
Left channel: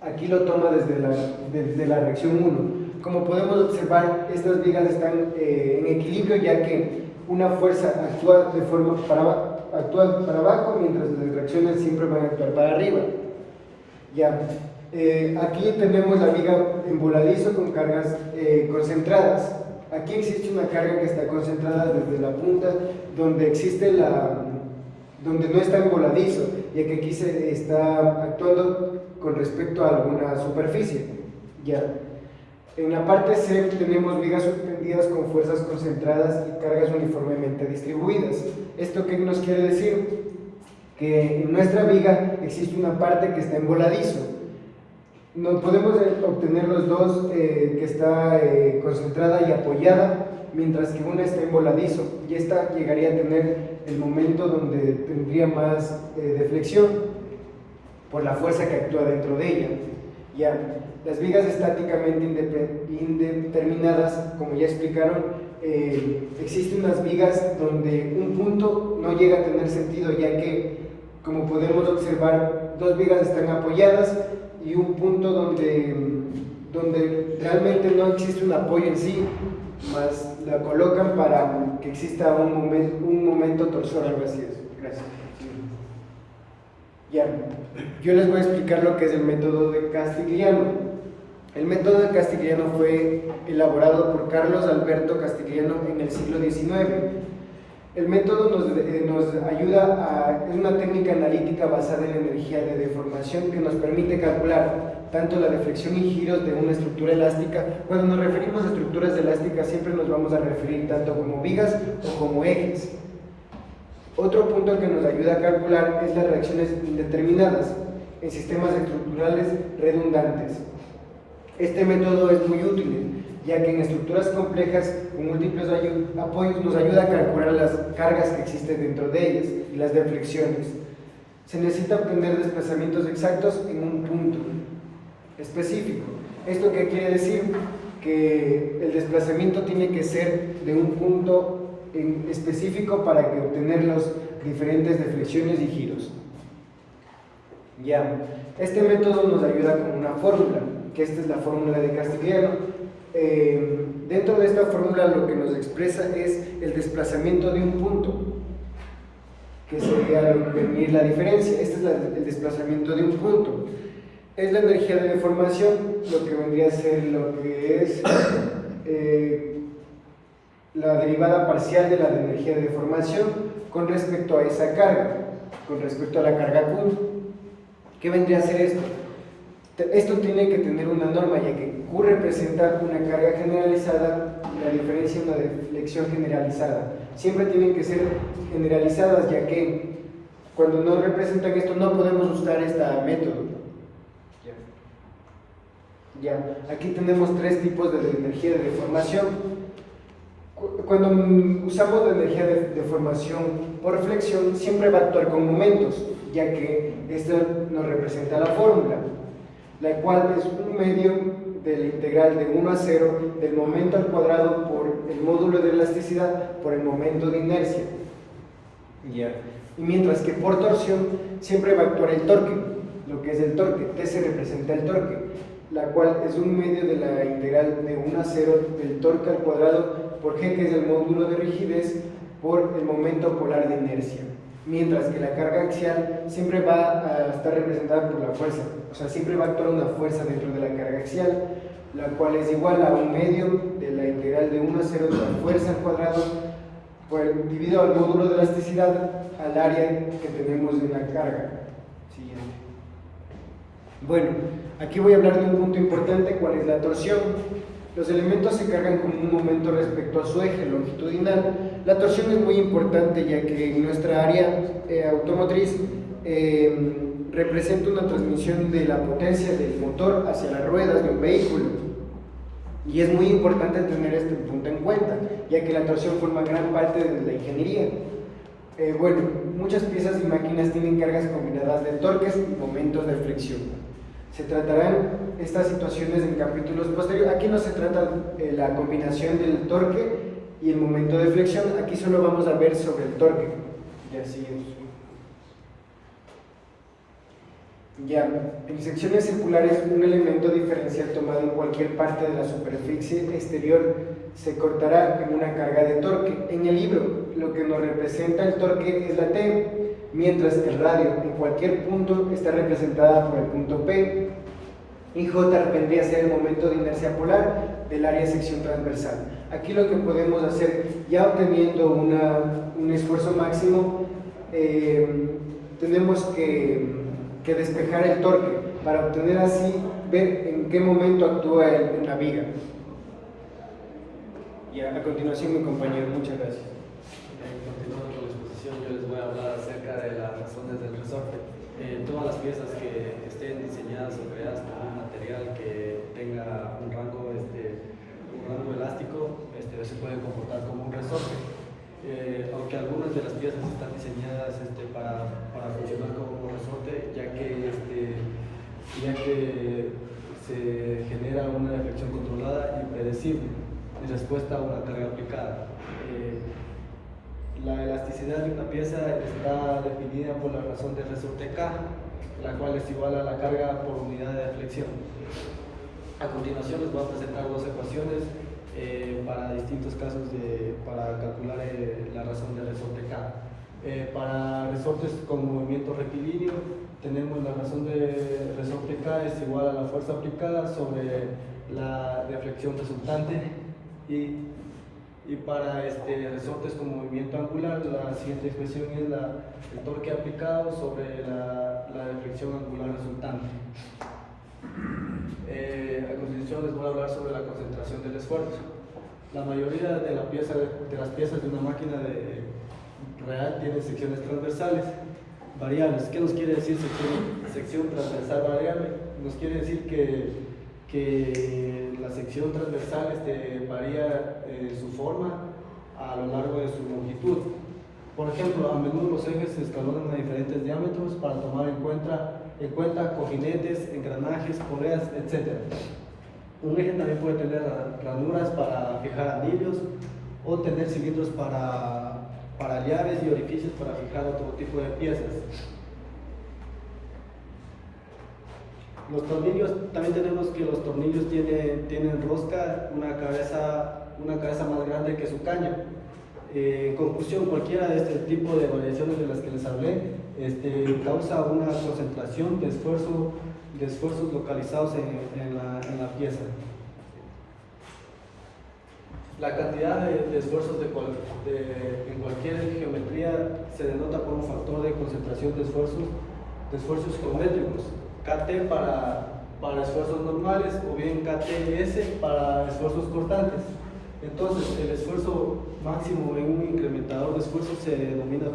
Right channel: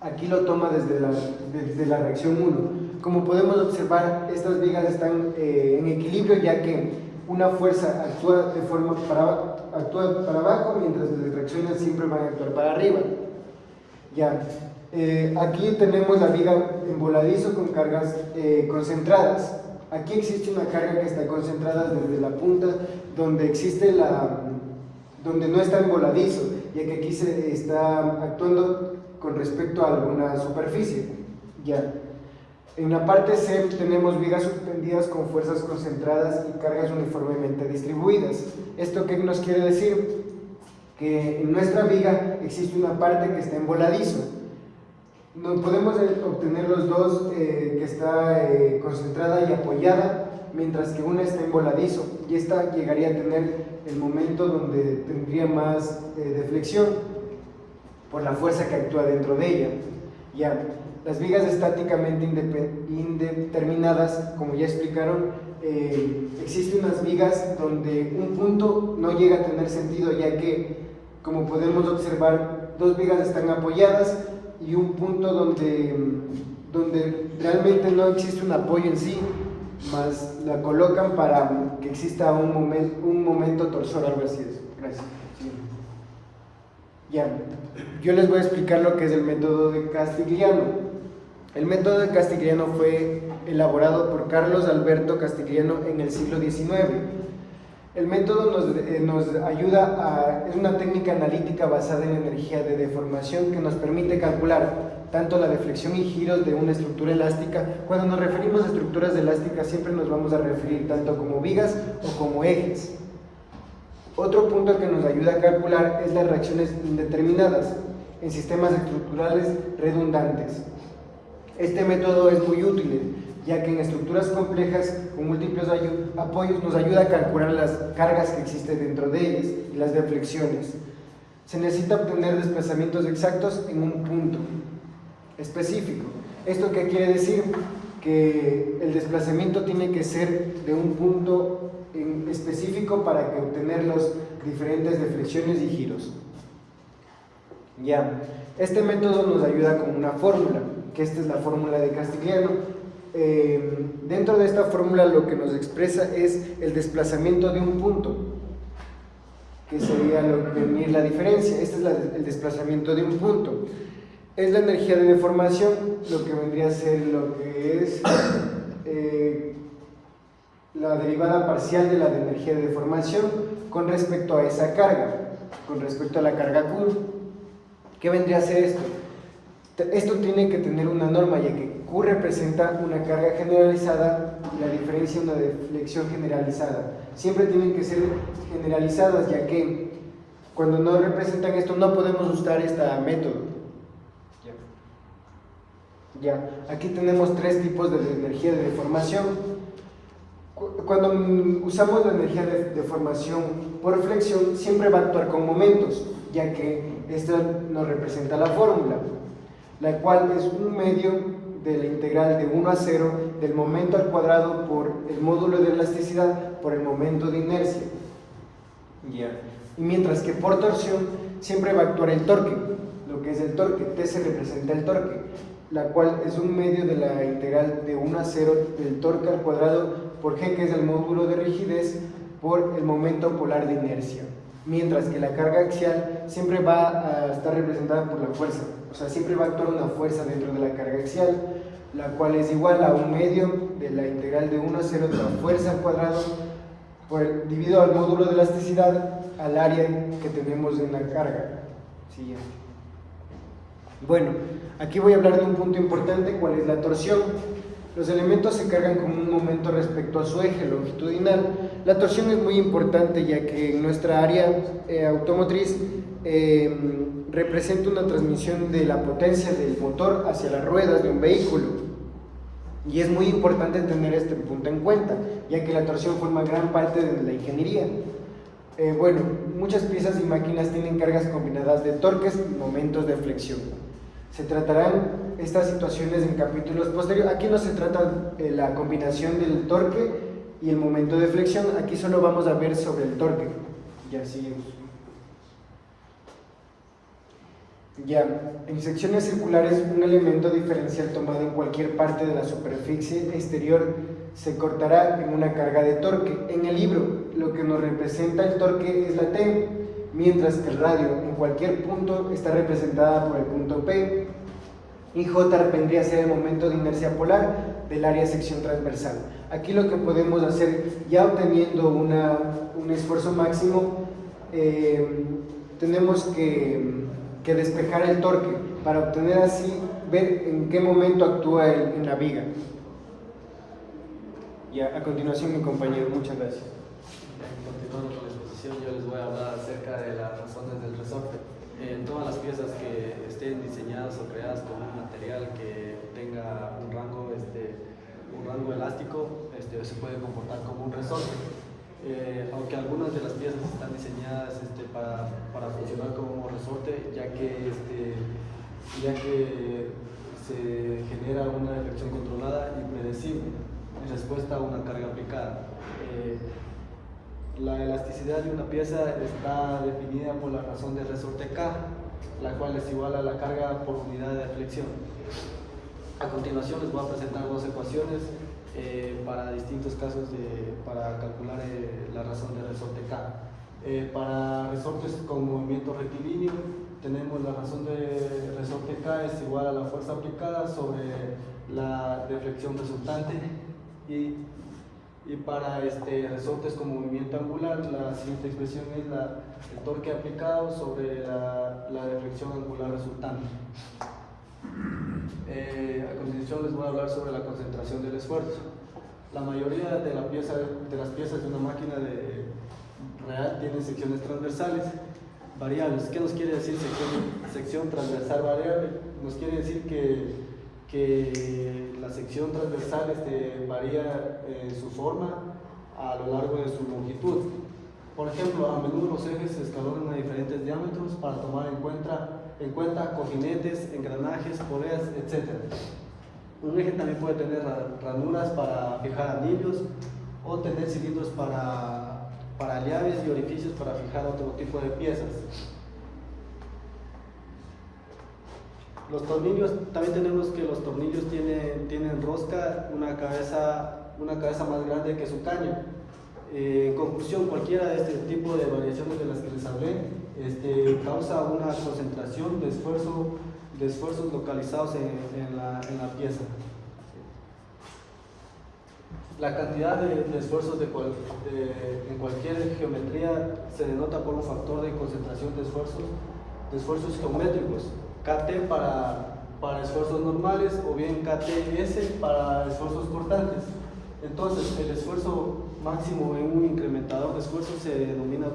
Aquí lo toma desde la reacción 1. Como podemos observar, estas vigas están en equilibrio, ya que una fuerza actúa para abajo, mientras las reacciones siempre van a actuar para arriba. Ya. Aquí tenemos la viga en voladizo con cargas concentradas. aquí existe una carga que está concentrada desde la punta, donde donde no está en voladizo, ya que aquí se está actuando con respecto a alguna superficie. Ya. En la parte C tenemos vigas suspendidas con fuerzas concentradas y cargas uniformemente distribuidas. ¿Esto qué nos quiere decir? Que en nuestra viga existe una parte que está en voladizo. No podemos obtener los dos que está concentrada y apoyada, mientras que una está en voladizo, y esta llegaría a tener el momento donde tendría más deflexión por la fuerza que actúa dentro de ella. Ya, las vigas estáticamente indeterminadas, como ya explicaron, existen unas vigas donde un punto no llega a tener sentido, ya que, como podemos observar, dos vigas están apoyadas y un punto donde realmente no existe un apoyo en sí, más la colocan para que exista un momento torsor. Así es. Gracias. Sí. Ya, yo les voy a explicar lo que es el método de Castigliano. El método de Castigliano fue elaborado por Carlos Alberto Castigliano en el siglo XIX. El método nos ayuda es una técnica analítica basada en energía de deformación que nos permite calcular tanto la deflexión y giros de una estructura elástica. Cuando nos referimos a estructuras elásticas siempre nos vamos a referir tanto como vigas o como ejes. Otro punto que nos ayuda a calcular es las reacciones indeterminadas en sistemas estructurales redundantes. Este método es muy útil, ya que en estructuras complejas con múltiples apoyos nos ayuda a calcular las cargas que existen dentro de ellas y las deflexiones. Se necesita obtener desplazamientos exactos en un punto específico. ¿Esto qué quiere decir? Que el desplazamiento tiene que ser de un punto en específico para que obtener las diferentes deflexiones y giros. Ya, este método nos ayuda con una fórmula, que esta es la fórmula de Castigliano. Dentro de esta fórmula lo que nos expresa es el desplazamiento de un punto, que sería venir la diferencia. Este es el desplazamiento de un punto. Es la energía de deformación, lo que vendría a ser lo que es la derivada parcial de la energía de deformación con respecto a esa carga, con respecto a la carga Q. ¿Qué vendría a ser esto? Esto tiene que tener una norma, ya que Q representa una carga generalizada y la diferencia una deflexión generalizada. Siempre tienen que ser generalizadas, ya que cuando no representan esto no podemos usar este método. Ya, aquí tenemos tres tipos de energía de deformación. Cuando usamos la energía de deformación por flexión, siempre va a actuar con momentos, ya que esto nos representa la fórmula, la cual es un medio de la integral de 1 a 0 del momento al cuadrado por el módulo de elasticidad por el momento de inercia. Y mientras que por torsión siempre va a actuar el torque, lo que es el torque, T se representa el torque, la cual es un medio de la integral de 1 a 0 del torque al cuadrado por G, que es el módulo de rigidez, por el momento polar de inercia. Mientras que la carga axial siempre va a estar representada por la fuerza, o sea, siempre va a actuar una fuerza dentro de la carga axial, la cual es igual a un medio de la integral de 1 a 0 de la fuerza al cuadrado dividido al módulo de elasticidad al área que tenemos en la carga. Siguiente. Bueno, aquí voy a hablar de un punto importante, cuál es la torsión. Los elementos se cargan con un momento respecto a su eje longitudinal. La torsión es muy importante, ya que en nuestra área automotriz representa una transmisión de la potencia del motor hacia las ruedas de un vehículo. Y es muy importante tener este punto en cuenta, ya que la torsión forma gran parte de la ingeniería. Bueno, muchas piezas y máquinas tienen cargas combinadas de torques y momentos de flexión. Se tratarán estas situaciones en capítulos posteriores. Aquí no se trata la combinación del torque y el momento de flexión, aquí solo vamos a ver sobre el torque. Ya seguimos. Ya, en secciones circulares, un elemento diferencial tomado en cualquier parte de la superficie exterior se cortará en una carga de torque. En el libro, lo que nos representa el torque es la T, mientras que el radio en cualquier punto está representada por el punto P, y J vendría a ser el momento de inercia polar del área sección transversal. Aquí lo que podemos hacer, ya obteniendo un esfuerzo máximo, tenemos que despejar el torque para obtener así, ver en qué momento actúa en la viga. Ya, a continuación mi compañero, muchas gracias. Continuando con la exposición, yo les voy a hablar acerca de las razones del resorte. Todas las piezas que estén diseñadas o creadas con un material que tenga un rango elástico se pueden comportar como un resorte. Aunque algunas de las piezas están diseñadas para funcionar como resorte, ya que se genera una deflexión controlada y predecible en respuesta a una carga aplicada. La elasticidad de una pieza está definida por la razón de resorte K, la cual es igual a la carga por unidad de deflexión. A continuación les voy a presentar dos ecuaciones para distintos casos para calcular la razón de resorte K. Para resortes con movimiento rectilíneo tenemos la razón de resorte K es igual a la fuerza aplicada sobre la deflexión resultante, y para resortes con movimiento angular la siguiente expresión es el torque aplicado sobre la deflexión angular resultante. A continuación les voy a hablar sobre la concentración del esfuerzo. La mayoría de las piezas de una máquina real tiene secciones transversales variables. ¿Qué nos quiere decir sección transversal variable? Nos quiere decir que la sección transversal varía su forma a lo largo de su longitud. Por ejemplo, a menudo los ejes se escalonan a diferentes diámetros para tomar en cuenta cojinetes, engranajes, poleas, etc. Un eje también puede tener ranuras para fijar anillos o tener cilindros para llaves y orificios para fijar otro tipo de piezas. Los tornillos, también tenemos que los tornillos tienen rosca, una cabeza más grande que su caña. En conclusión, cualquiera de este tipo de variaciones de las que les hablé causa una concentración de esfuerzos localizados en la pieza. La cantidad de esfuerzos en cualquier geometría se denota por un factor de concentración de esfuerzos geométricos. KT para esfuerzos normales o bien KTS para esfuerzos cortantes. Entonces, el esfuerzo máximo en un incrementador de esfuerzo se denomina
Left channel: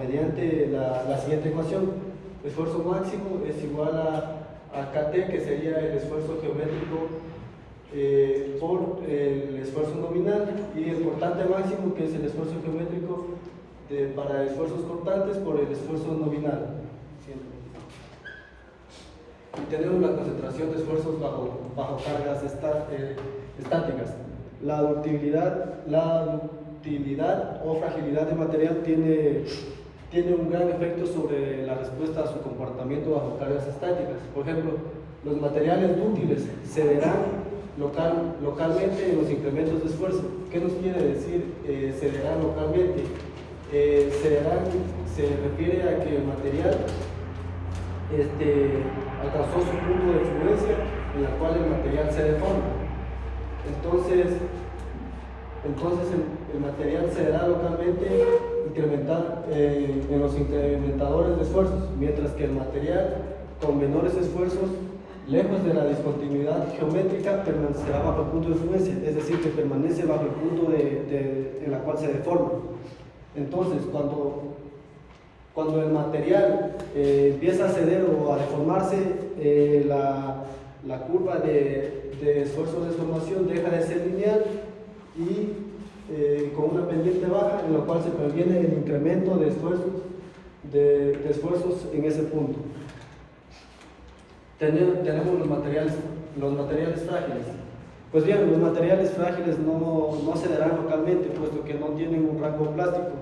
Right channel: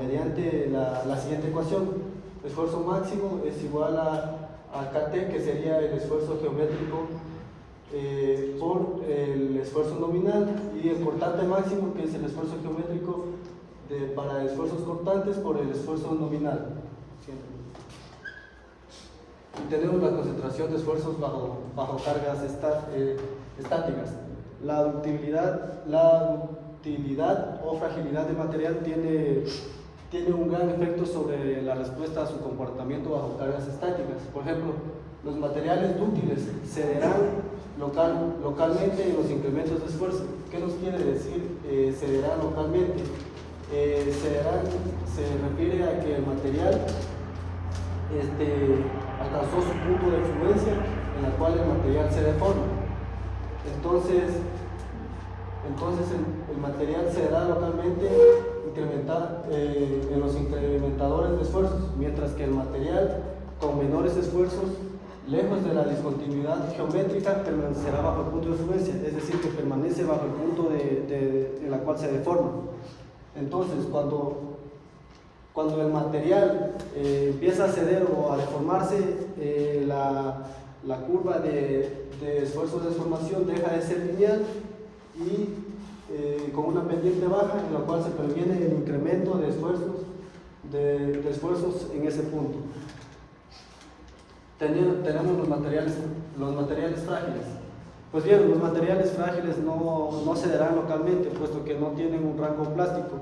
mediante la siguiente ecuación. Esfuerzo máximo es igual a KT, que sería el esfuerzo geométrico por el esfuerzo nominal, y el cortante máximo, que es el esfuerzo geométrico para esfuerzos cortantes por el esfuerzo nominal. Y tenemos la concentración de esfuerzos bajo cargas estáticas. La ductilidad o fragilidad del material tiene un gran efecto sobre la respuesta a su comportamiento bajo cargas estáticas. Por ejemplo, los materiales dúctiles cederán localmente en los incrementos de esfuerzo. ¿Qué nos quiere decir cederán localmente? Cederán se refiere a que el material alcanzó su punto de fluencia en la cual el material se deforma. Entonces el material cederá localmente en los incrementadores de esfuerzos, mientras que el material con menores esfuerzos, lejos de la discontinuidad geométrica, permanecerá bajo el punto de fluencia, es decir, que permanece bajo el punto en la cual se deforma. Entonces, cuando el material empieza a ceder o a deformarse, la curva de esfuerzo de deformación deja de ser lineal y con una pendiente baja, en la cual se previene el incremento de esfuerzos en ese punto. Tenemos los materiales frágiles. Pues bien, los materiales frágiles no cederán localmente, puesto que no tienen un rango plástico.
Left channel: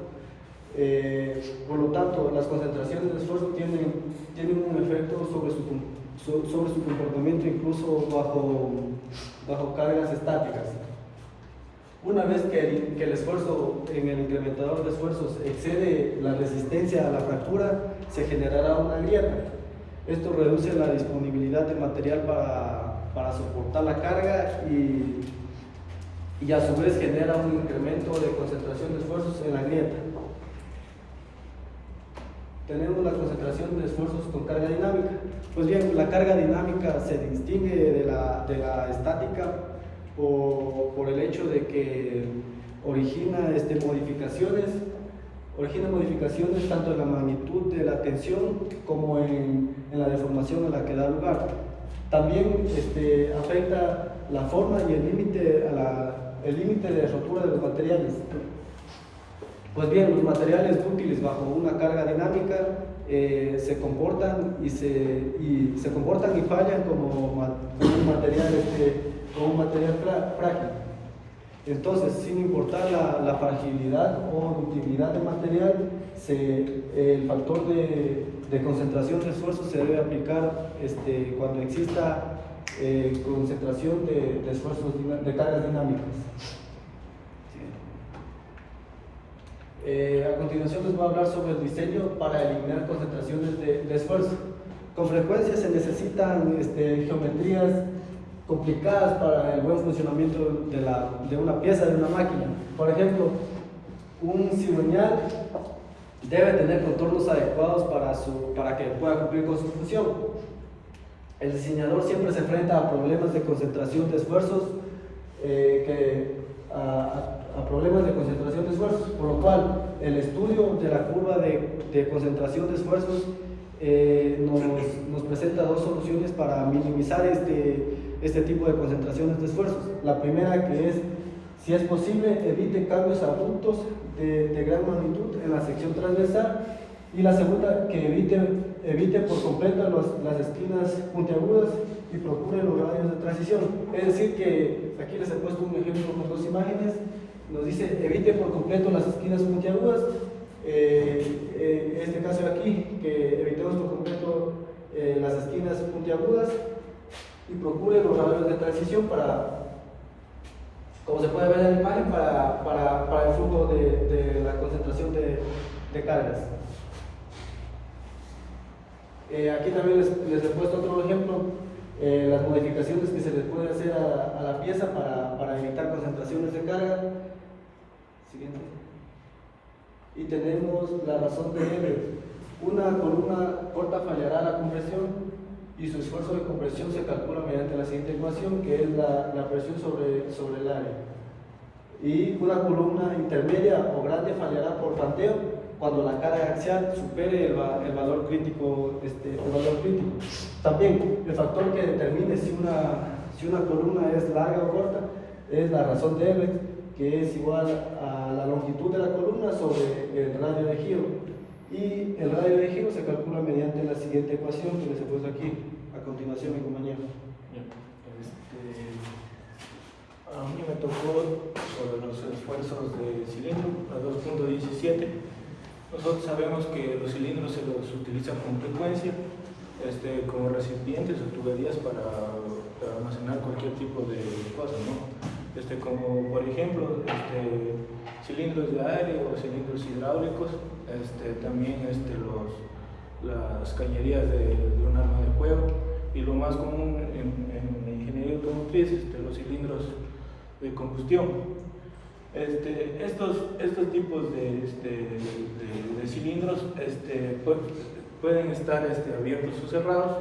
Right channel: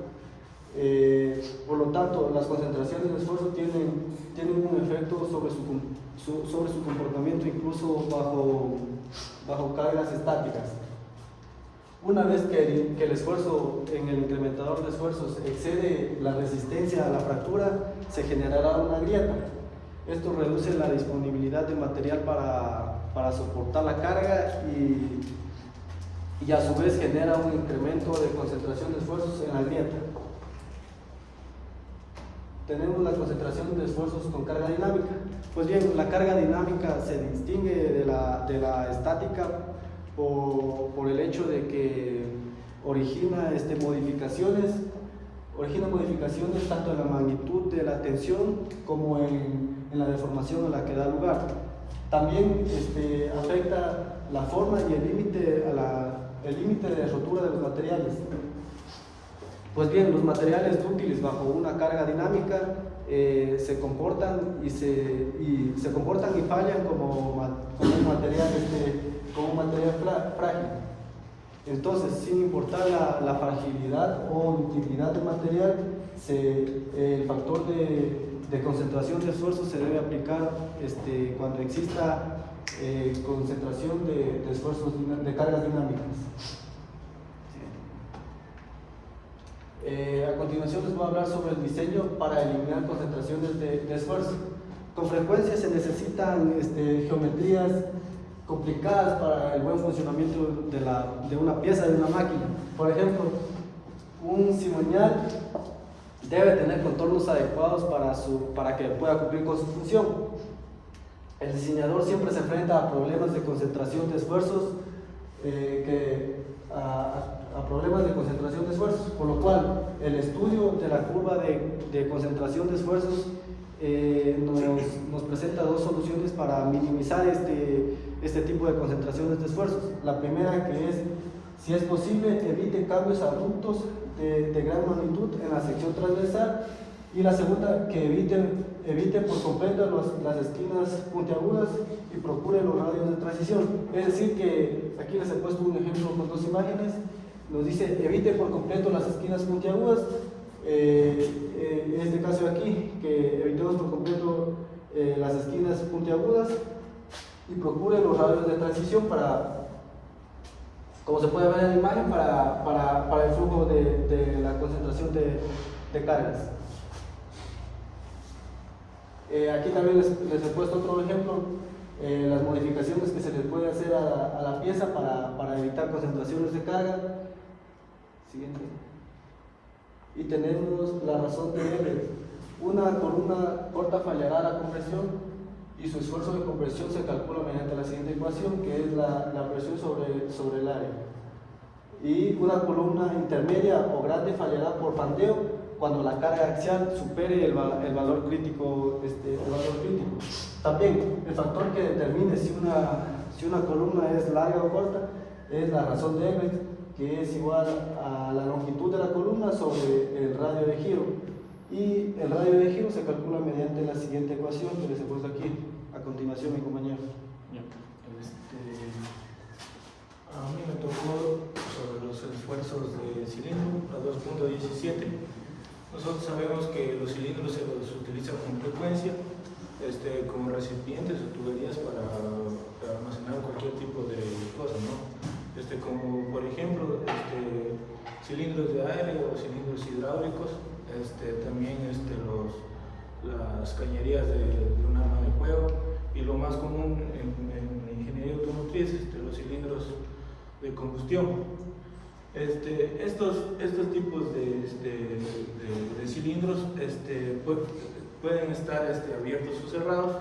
Por lo tanto, las concentraciones de esfuerzo tienen un efecto sobre su comportamiento, incluso bajo cargas estáticas. Una vez que el esfuerzo en el incrementador de esfuerzos excede la resistencia a la fractura, se generará una grieta. Esto reduce la disponibilidad de material para soportar la carga y a su vez genera un incremento de concentración de esfuerzos en la grieta. Tenemos la concentración de esfuerzos con carga dinámica. Pues bien, la carga dinámica se distingue de la estática por el hecho de que origina modificaciones tanto en la magnitud de la tensión como en la deformación a la que da lugar. También afecta la forma y el límite de rotura de los materiales. Pues bien, los materiales dúctiles bajo una carga dinámica se comportan y fallan como un material frágil. Entonces, sin importar la fragilidad o ductilidad del material, el factor de concentración de esfuerzo se debe aplicar cuando exista concentración de esfuerzos de cargas dinámicas. A continuación les voy a hablar sobre el diseño para eliminar concentraciones de esfuerzo. Con frecuencia se necesitan geometrías complicadas para el buen funcionamiento de una pieza, de una máquina. Por ejemplo, un cigüeñal debe tener contornos adecuados para que pueda cumplir con su función. El diseñador siempre se enfrenta a problemas de concentración de esfuerzos, por lo cual el estudio de la curva de concentración de esfuerzos nos presenta dos soluciones para minimizar este tipo de concentraciones de esfuerzos. La primera, que es, si es posible, evite cambios abruptos de gran magnitud en la sección transversal, y la segunda, que evite por completo las esquinas puntiagudas y procure los radios de transición. Es decir, que aquí les he puesto un ejemplo con dos imágenes. Nos dice evite por completo las esquinas puntiagudas. En este caso de aquí, que evitemos por completo las esquinas puntiagudas y procure los radios de transición como se puede ver en la imagen, para el flujo de la concentración de cargas. Aquí también les he puesto otro ejemplo, las modificaciones que se les puede hacer a la pieza para evitar concentraciones de carga. Siguiente. Y tenemos la razón de L. Una columna corta fallará la compresión y su esfuerzo de compresión se calcula mediante la siguiente ecuación, que es la presión sobre el área. Y una columna intermedia o grande fallará por faldeo cuando la carga axial supere el valor crítico. También el factor que determine si una columna es larga o corta es la razón de Everett, que es igual a la longitud de la columna sobre el radio de giro. Y el radio de giro se calcula mediante la siguiente ecuación que les he puesto aquí a continuación, mi compañero. A mí me tocó sobre los esfuerzos de cilindro a 2.17. Nosotros sabemos que los cilindros se los utiliza con frecuencia como recipientes o tuberías para almacenar cualquier tipo de cosas, ¿no? Como por ejemplo cilindros de aire o cilindros hidráulicos, también las cañerías de un arma de fuego, y lo más común en ingeniería automotriz, los cilindros de combustión. Estos tipos de cilindros pueden estar abiertos o cerrados,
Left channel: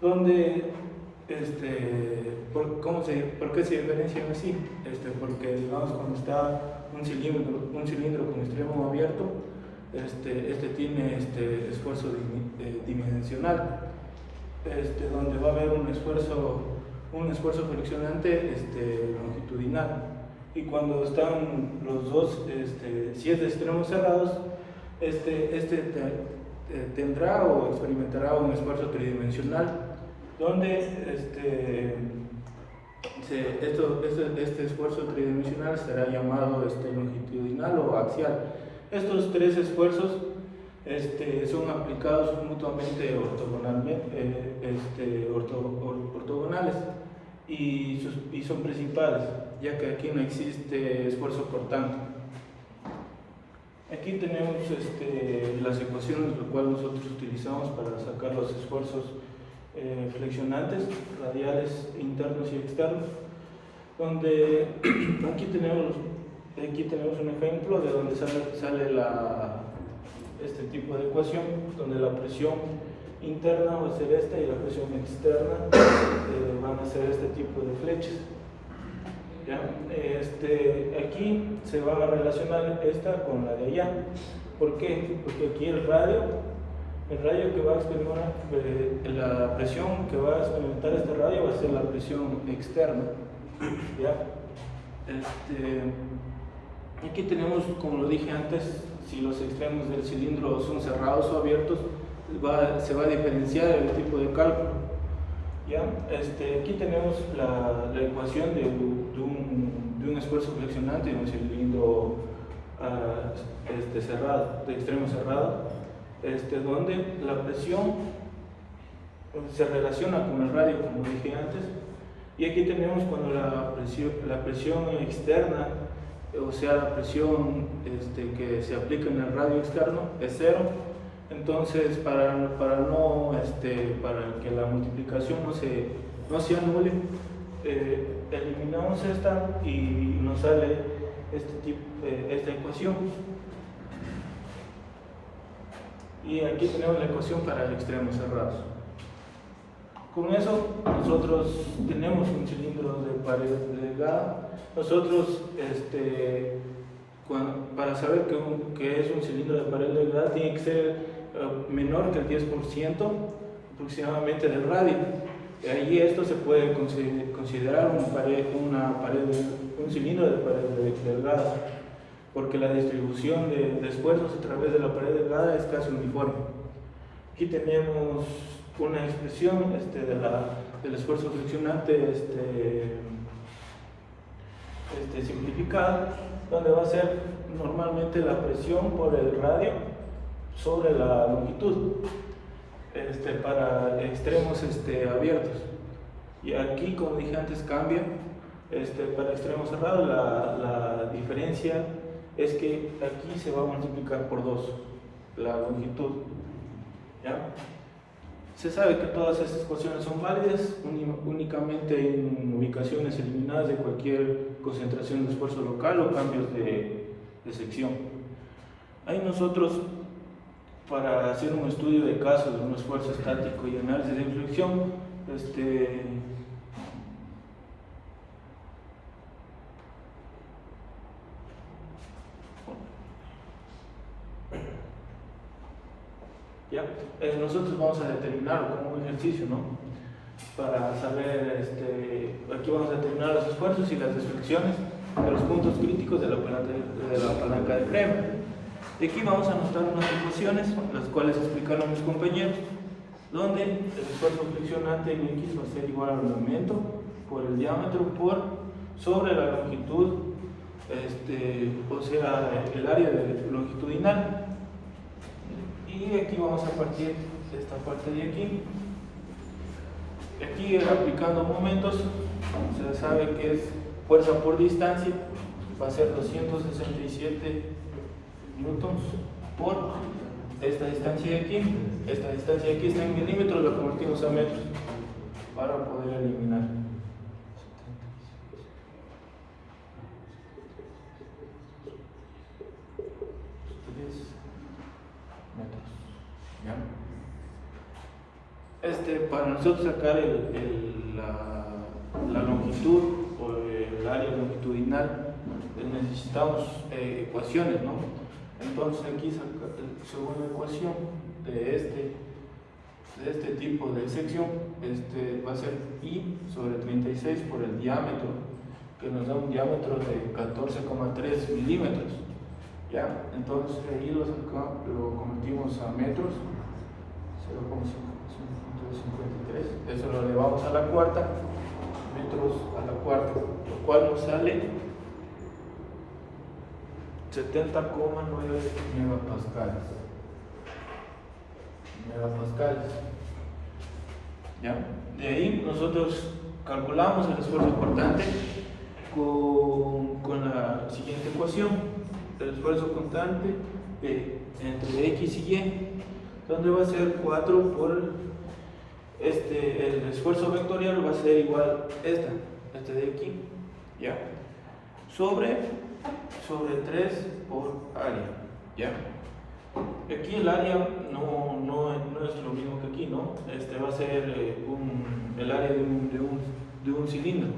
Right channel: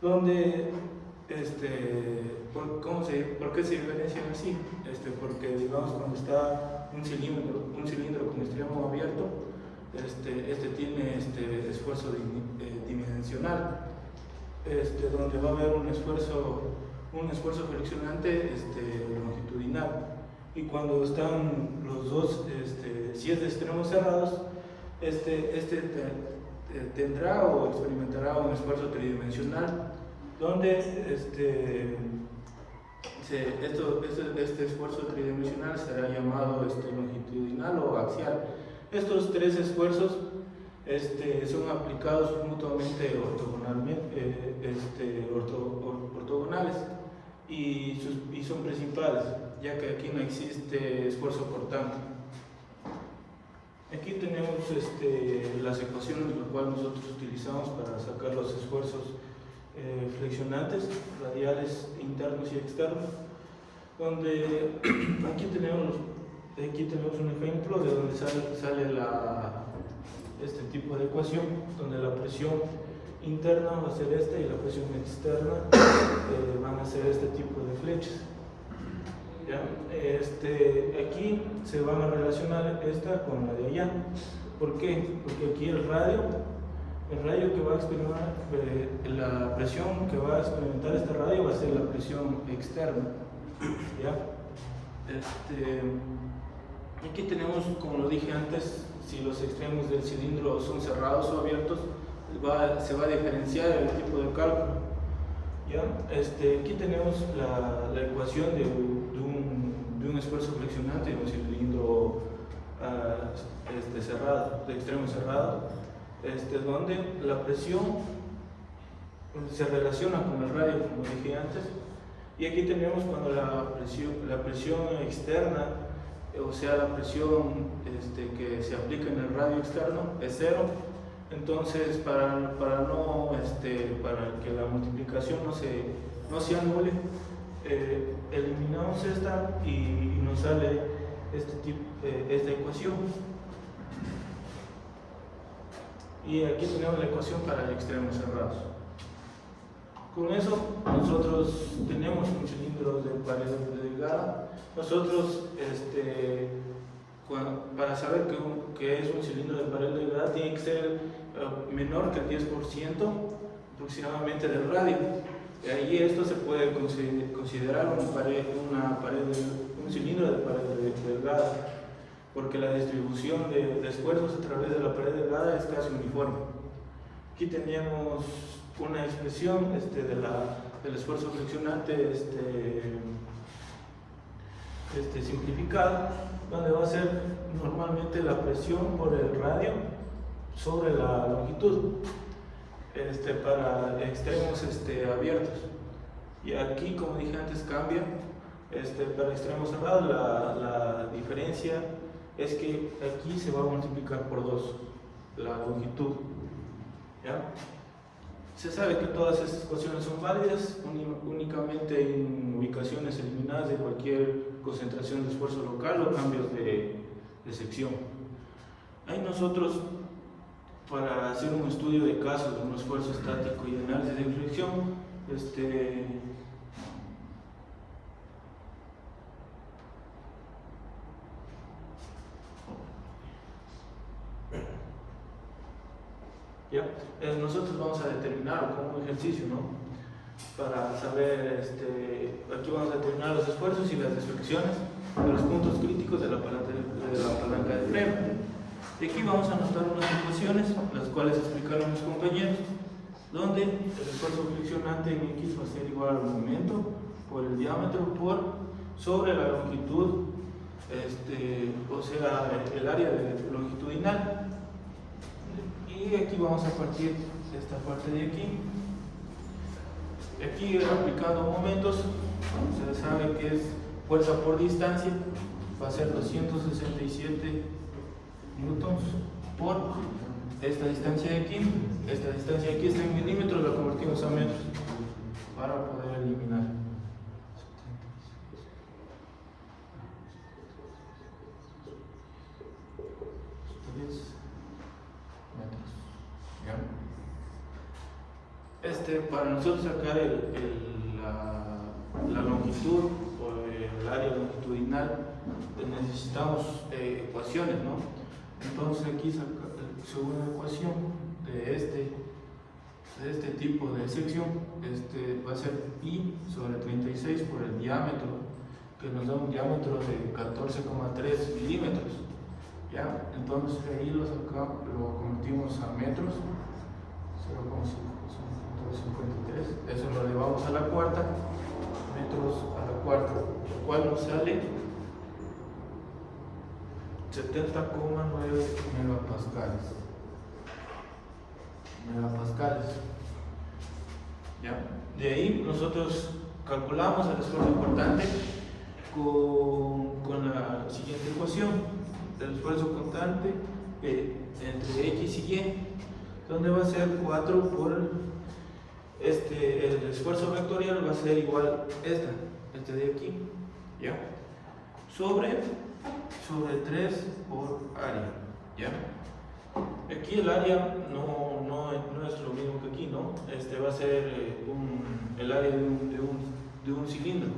donde ¿por qué se diferencian así? Porque digamos, cuando está un cilindro con extremo abierto, tiene esfuerzo dimensional, donde va a haber un esfuerzo friccionante longitudinal, y cuando están los dos, si es de extremos cerrados, tendrá o experimentará un esfuerzo tridimensional, donde este esfuerzo tridimensional será llamado longitudinal o axial. Estos tres esfuerzos son aplicados mutuamente ortogonales y son principales, ya que aquí no existe esfuerzo cortante. Aquí tenemos las ecuaciones, lo cual nosotros utilizamos para sacar los esfuerzos flexionantes, radiales internos y externos. donde aquí tenemos un ejemplo de donde sale este tipo de ecuación, donde la presión interna va a ser esta y la presión externa van a ser este tipo de flechas. ¿Ya? Aquí se van a relacionar esta con la de allá. ¿Por qué? Porque aquí el radio que va a experimentar, la presión que va a experimentar este radio va a ser la presión externa. ¿Ya? Aquí tenemos, como lo dije antes, si los extremos del cilindro son cerrados o abiertos, se va a diferenciar el tipo de cálculo. ¿Ya? Aquí tenemos la ecuación de un esfuerzo flexionante en un cilindro cerrado, de extremo cerrado, donde la presión se relaciona con el radio, como dije antes, y aquí tenemos cuando la presión externa, o sea, la presión que se aplica en el radio externo es cero. Entonces, para que la multiplicación no se anule, eliminamos esta y nos sale esta ecuación. Y aquí tenemos la ecuación para extremos cerrados. Con eso nosotros tenemos un cilindro de pared delgada. Nosotros, para saber que es un cilindro de pared delgada, tiene que ser menor que el 10% aproximadamente del radio. Y ahí esto se puede considerar un cilindro de pared delgada, porque la distribución de esfuerzos a través de la pared delgada es casi uniforme. Aquí tenemos una expresión del esfuerzo friccionante simplificada, donde va a ser normalmente la presión por el radio sobre la longitud para extremos abiertos. Y aquí, como dije antes, cambia. Para extremos cerrados la diferencia es que aquí se va a multiplicar por 2 la longitud. ¿Ya? Se sabe que todas estas ecuaciones son válidas únicamente en ubicaciones eliminadas de cualquier concentración de esfuerzo local o cambios de sección. Ahí nosotros, para hacer un estudio de caso de un esfuerzo estático y análisis de inflexión, ¿ya? Nosotros vamos a determinar como un ejercicio, ¿no? Para saber, aquí vamos a determinar los esfuerzos y las deflexiones de los puntos críticos de la palanca de freno. Y aquí vamos a mostrar unas ecuaciones, las cuales explicaron mis compañeros, donde el esfuerzo flexionante en X va a ser igual al momento por el diámetro sobre la longitud, o sea, el área longitudinal. Y aquí vamos a partir de esta parte de aquí. Aquí, aplicando momentos, se sabe que es fuerza por distancia, va a ser 267 newtons por esta distancia de aquí. Esta distancia de aquí está en milímetros, la convertimos a metros para poder eliminar. Para nosotros sacar la longitud o el área longitudinal necesitamos ecuaciones, ¿no? Entonces aquí según la ecuación de este tipo de sección, va a ser I sobre 36 por el diámetro, que nos da un diámetro de 14,3 milímetros. ¿Ya? Entonces ahí lo convertimos a metros, 0,53, eso lo elevamos a la cuarta, metros a la cuarta, lo cual nos sale 70,9 megapascales. ¿Ya? De ahí nosotros calculamos el esfuerzo constante con la siguiente ecuación: el esfuerzo constante entre X y Y, donde va a ser 4 por el esfuerzo vectorial va a ser igual a este de aquí, ¿ya? Sobre 3 por área, ¿ya? Aquí el área no es lo mismo que aquí, ¿no? Va a ser el área de un cilindro.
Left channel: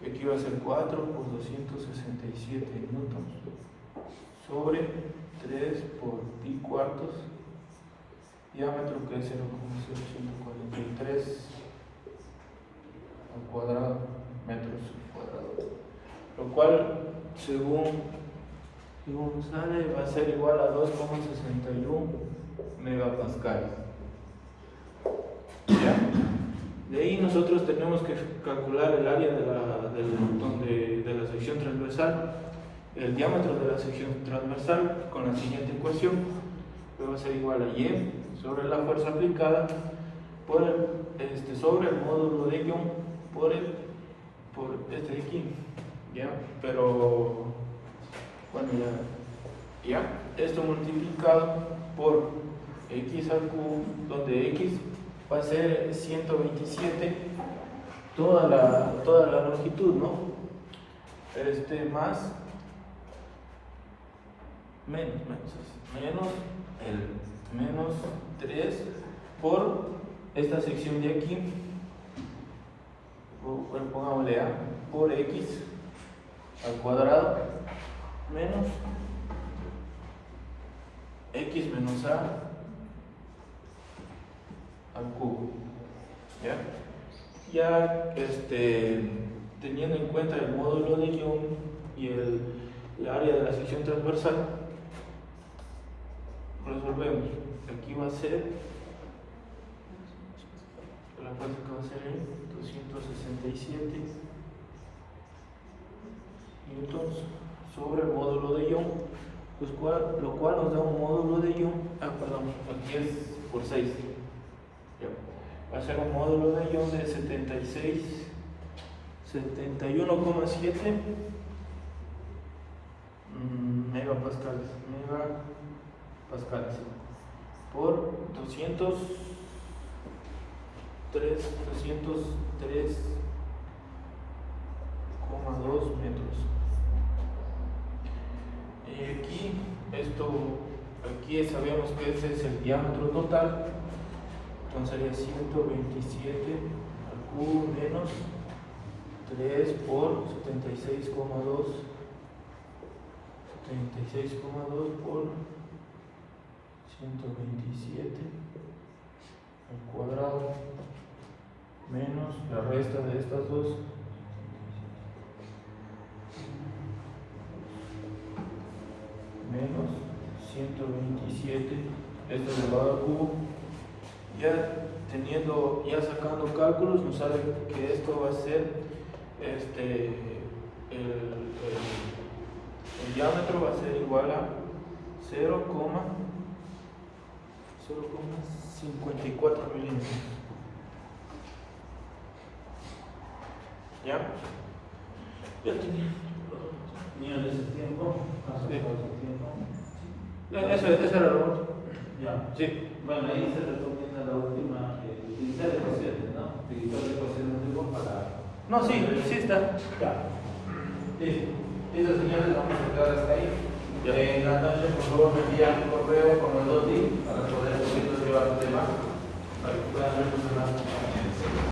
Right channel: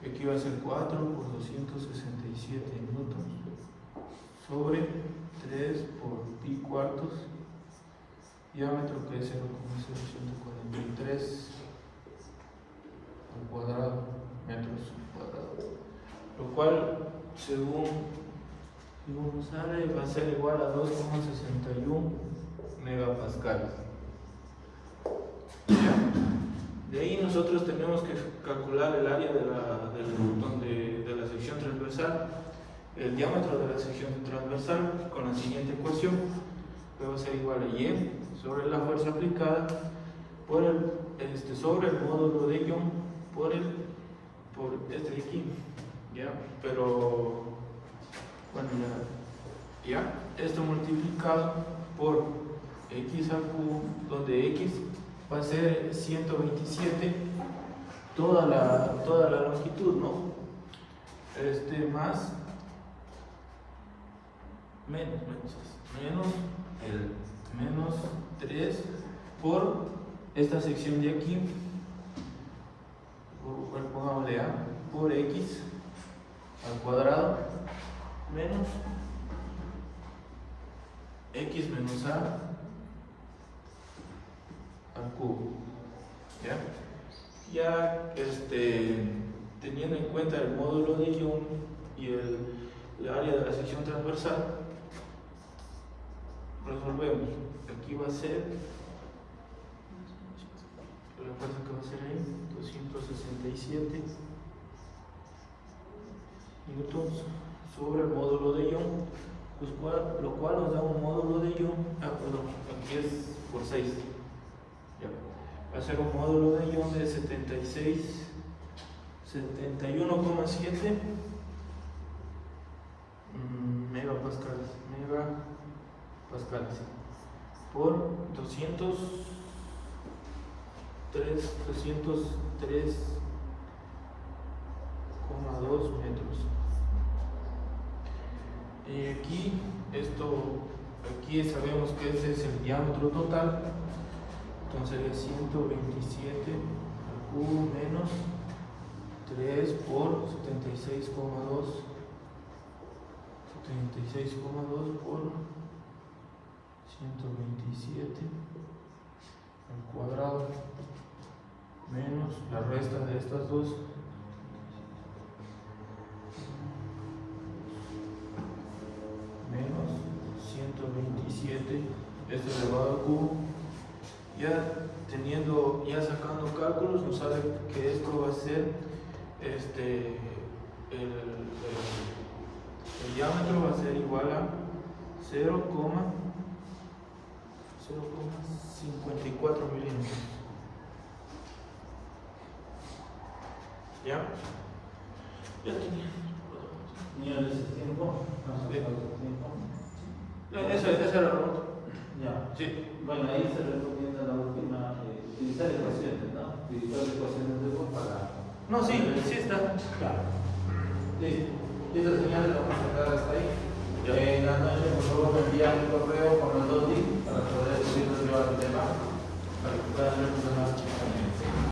Aquí va a ser 4 por 267 newtons sobre 3 por pi cuartos, diámetro que es 0,0143 al cuadrado, metros cuadrados, lo cual según sale va a ser igual a 2,61 megapascales. ¿Ya? De ahí nosotros tenemos que calcular el área de la sección transversal, el diámetro de la sección transversal con la siguiente ecuación, que va a ser igual a Y sobre la fuerza aplicada por sobre el módulo de Young por este de aquí, ¿ya? Pero bueno, ya esto multiplicado por x al cubo, donde x va a ser 127 toda la longitud, ¿no? Más menos 3 por esta sección de aquí, pongámosle a, por x al cuadrado menos x menos a al cubo. Ya teniendo en cuenta el módulo de Young y el área de la sección transversal, resolvemos. Aquí va a ser, la práctica va a ser en 267 newtons sobre el módulo de Young, lo cual nos da un módulo de Young, aquí es por 6. Va a ser un módulo de Young de 71,7 megapascales por 203,2 metros. Y aquí sabemos que ese es el diámetro total, entonces sería 127 al cubo menos 3 por 76,2 por 127 al cuadrado menos la resta de estas dos, menos 127 elevado al cubo. Ya sacando cálculos, nos sale que esto va a ser el diámetro va a ser igual a 0,54 milímetros. ¿Ya? Niños de ese tiempo, Eso era lo otro. ya. Sí. Bueno, ahí se recomienda la última, utilizar ecuaciones, ¿no? Utilizar ecuaciones de para. No, sí está. Ya. Listo. Listo, señores, vamos a quedar hasta ahí. En la noche, por favor, me envían un correo con los 2 links para poder llevar el tema, para que puedan ver los demás.